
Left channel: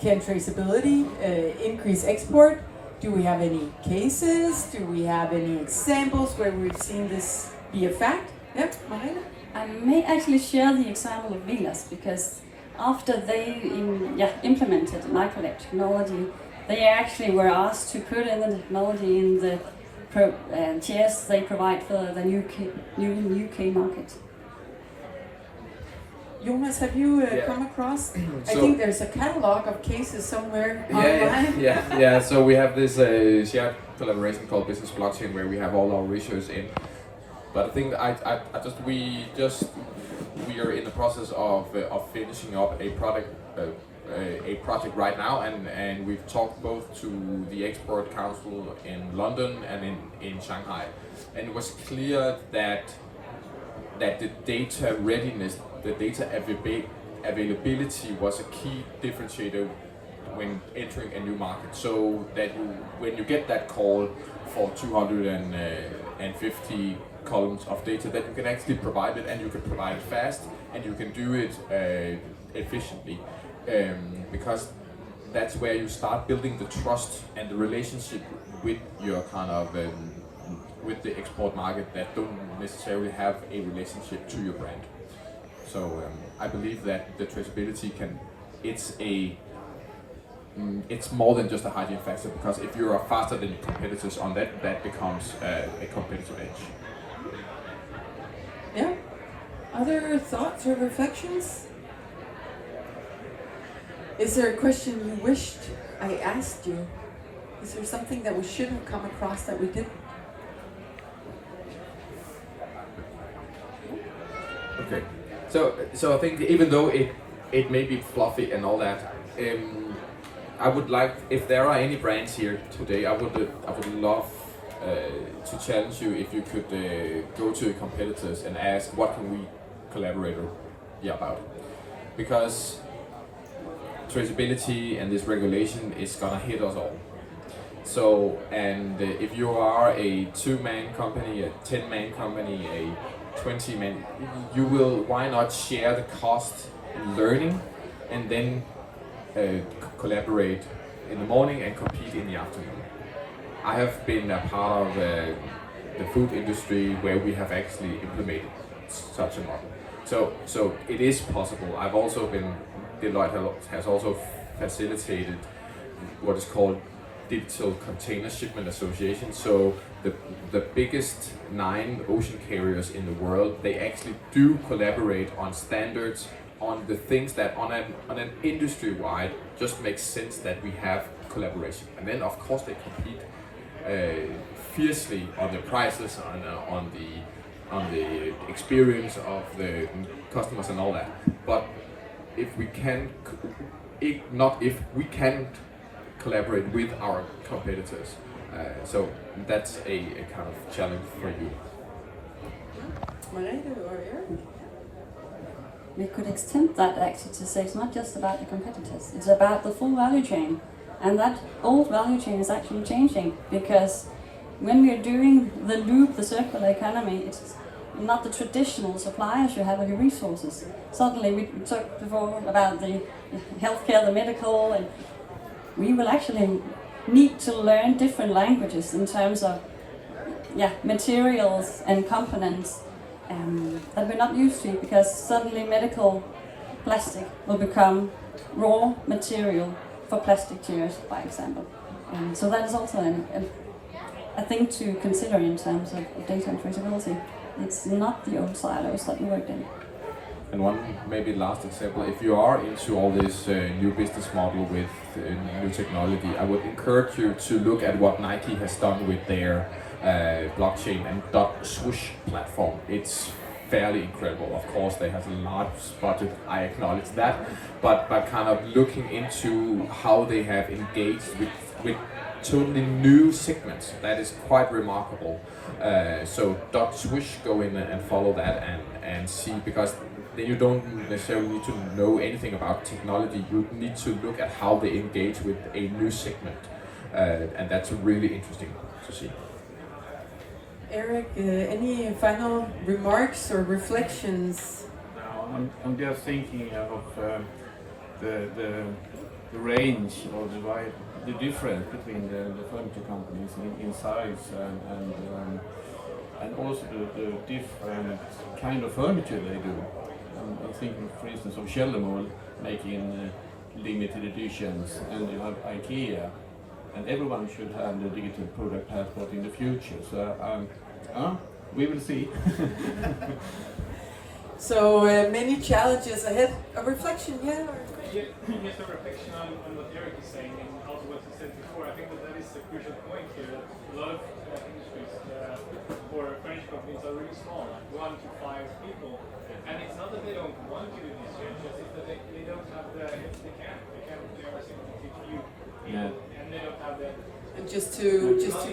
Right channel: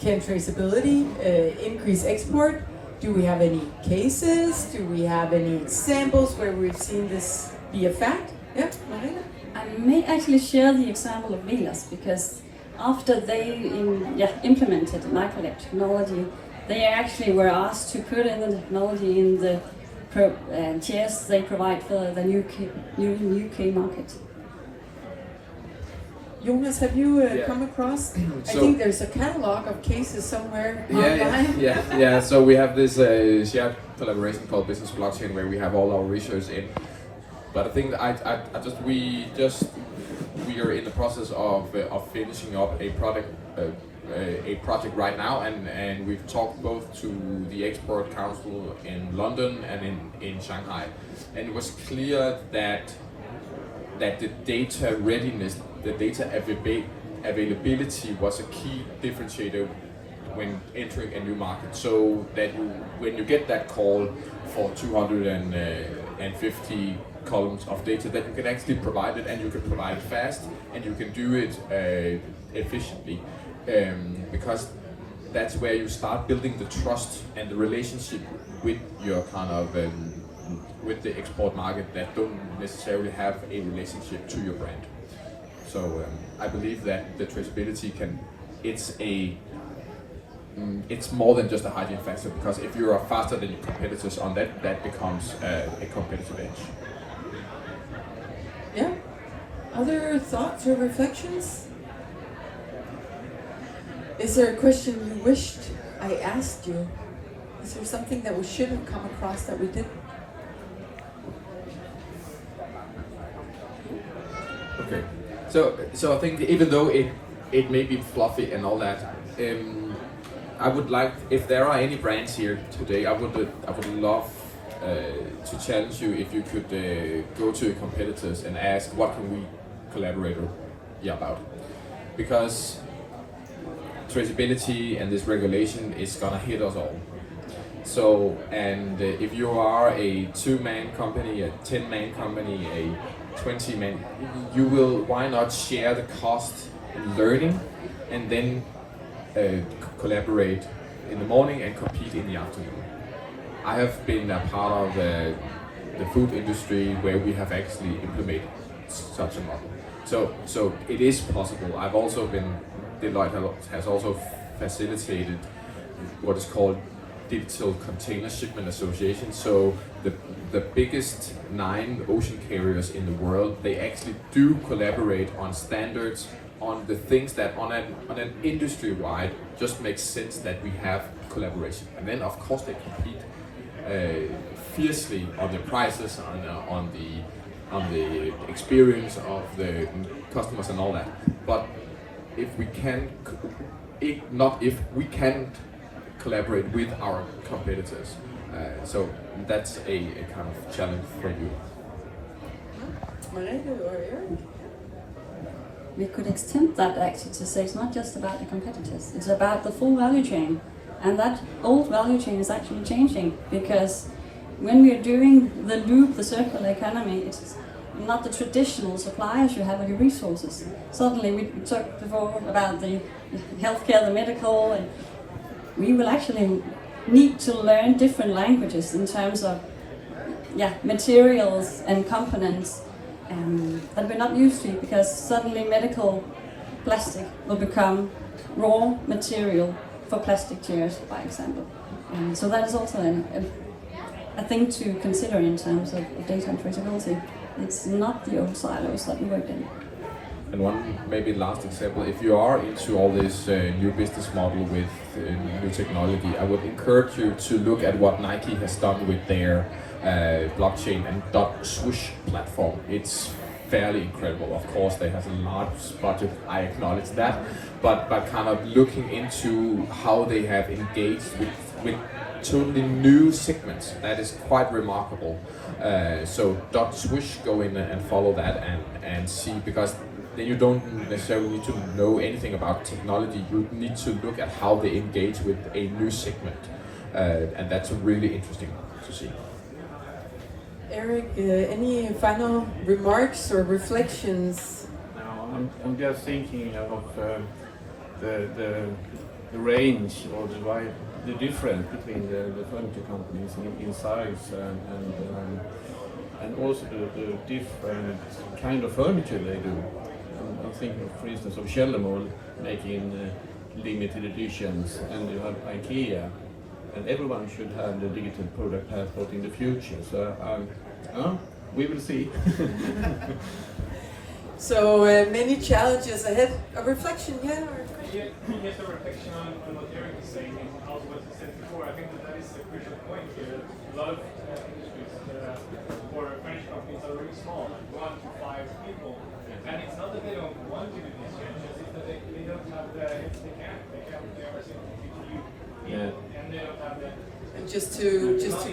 can traceability increase export? Do we have any cases? Do we have any examples where we've seen this be a fact? Yeah, Marlene? I may actually share the example of Vilas, because after they implemented MyCollect technology, they actually were asked to put in the technology in the chairs they provide for the new UK market. Jonas, have you Yeah. come across? I So- think there's a catalog of cases somewhere online. Yeah. So we have this shared collaboration called Business Blockchain, where we have all our research in. But I think we are in the process of finishing up a project right now, and we've talked both to the Export Council in London and in Shanghai, and it was clear that the data readiness, the data availability was a key differentiator when entering a new market. So that when you get that call for 250 columns of data, that you can actually provide it, and you can provide it fast, and you can do it efficiently, because that's where you start building the trust and the relationship with your kind of with the export market that don't necessarily have a relationship to your brand. So I believe that the traceability it's more than just a hygiene factor, because if you are faster than your competitors on that becomes a competitive edge. Yeah. Other thoughts or reflections? Is there a question you wished I asked you? Is there something that we shouldn't come across that we did? Okay. So I think even though it may be fluffy and all that, I would like, if there are any brands here today, I would love to challenge you if you could go to your competitors and ask, what can we collaborate about? Because traceability and this regulation is gonna hit us all. So, and if you are a 2-man company, a 10-man company, a 20-man, you will, why not share the cost in learning and then collaborate in the morning and compete in the afternoon. I have been a part of the food industry where we have actually implemented such a model. So it is possible. I've also been, Deloitte has also facilitated what is called Digital Container Shipment Association. So the biggest 9 ocean carriers in the world, they actually do collaborate on standards, on the things that on an industry-wide just makes sense that we have collaboration. And then of course they compete fiercely on the prices, on the experience of the customers and all that. But if we can, we can't collaborate with our competitors. So that's a kind of challenge for you. We could extend that actually to say it's not just about the competitors, it's about the full value chain. And that old value chain is actually changing, because when we're doing the loop, the circular economy, it's not the traditional suppliers you have of your resources. Suddenly we talked before about the healthcare, the medical, and we will actually need to learn different languages in terms of materials and components that we're not used to, because suddenly medical plastic will become raw material for plastic chairs, for example. So that is also a thing to consider in terms of data and traceability. It's not the old silos that we worked in. And one maybe last example, if you are into all this new business model with new technology, I would encourage you to look at what Nike has done with their blockchain and .swoosh platform. It's fairly incredible. Of course, they have a large budget, I acknowledge that, but kind of looking into how they have engaged with totally new segments, that is quite remarkable. So Dr. Swish, go in and follow that and see, because then you don't necessarily need to know anything about technology, you need to look at how they engage with a new segment, and that's really interesting to see. Eric, any final remarks or reflections? Now, I'm just thinking of the range or the difference between the furniture companies in size and also the different kind of furniture they do. I'm thinking, for instance, of Kjellermol making limited editions, and you have IKEA, and everyone should have the digital product passport in the future. So we will see. So many challenges ahead. A reflection, yeah? Or a question? Yes, a reflection on what Eric is saying and also what he said before. I think that is a crucial point here. That a lot of industries or French companies are really small, like 1 to 5 people. And it's not that they don't want to do these changes, it's that they don't have the, they are simply too few, and they don't have the. And just to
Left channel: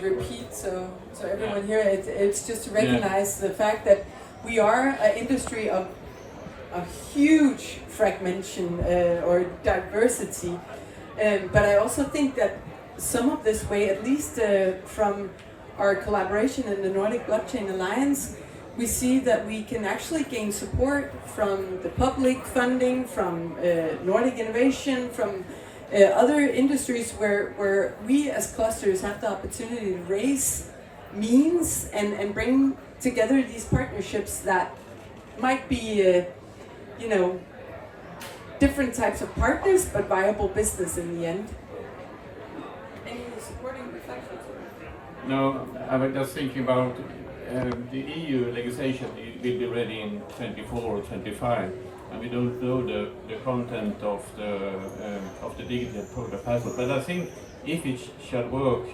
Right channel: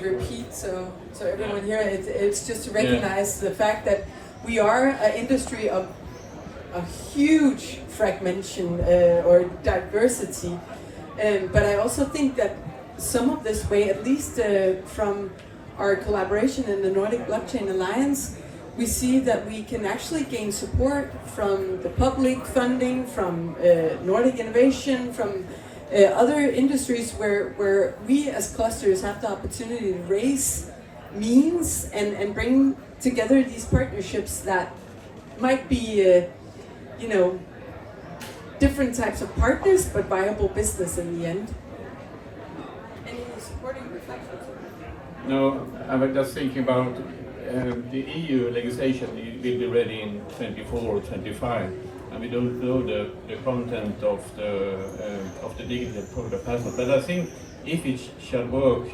repeat, so everyone here, it's just to recognize the fact that we are an industry of a huge fragmentation or diversity, but I also think that some of this way, at least from our collaboration in the Nordic Blockchain Alliance, we see that we can actually gain support from the public funding, from Nordic Innovation, from other industries where we as clusters have the opportunity to raise means and bring together these partnerships that might be, different types of partners, but viable business in the end. Any supporting reflections? No, I was just thinking about the EU legislation will be ready in 24 or 25, and we don't know the content of the digital product passport. But I think if it shall work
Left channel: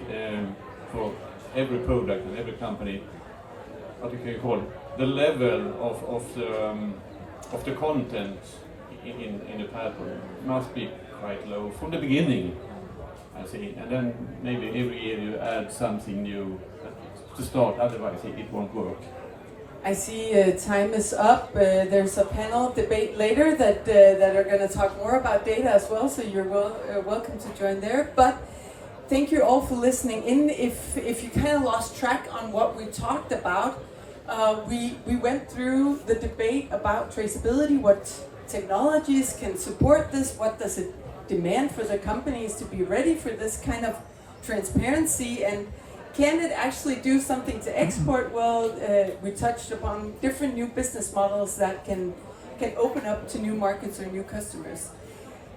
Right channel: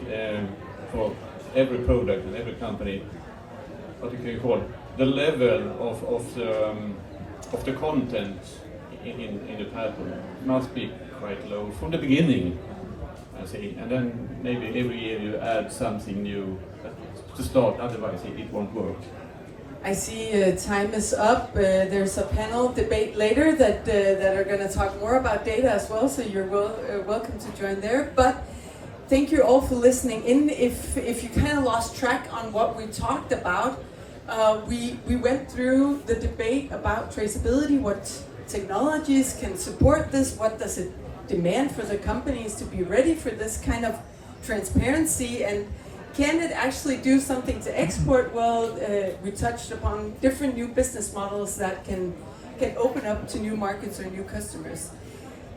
for every product and every company, what do you call it? The level of the content in the passport must be quite low from the beginning, I think, and then maybe every year you add something new to start, otherwise it won't work. I see time is up. There's a panel debate later that are going to talk more about data as well, so you're welcome to join there. But thank you all for listening in. If you kind of lost track on what we talked about, we went through the debate about traceability, what technologies can support this, what does it demand for the companies to be ready for this kind of transparency, and can it actually do something to export? Well, we touched upon different new business models that can open up to new markets or new customers.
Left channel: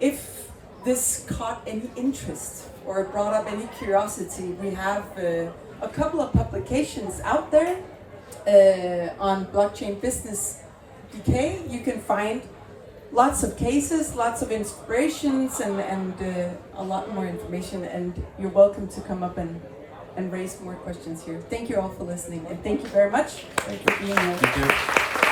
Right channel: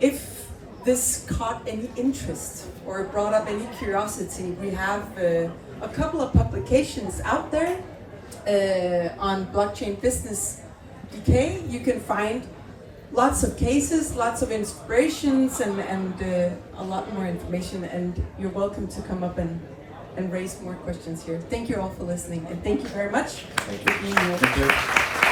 If this caught any interest or brought up any curiosity, we have a couple of publications out there on blockchain business decay. You can find lots of cases, lots of inspirations, and a lot more information, and you're welcome to come up and raise more questions here. Thank you all for listening, and thank you very much for being here. Thank you.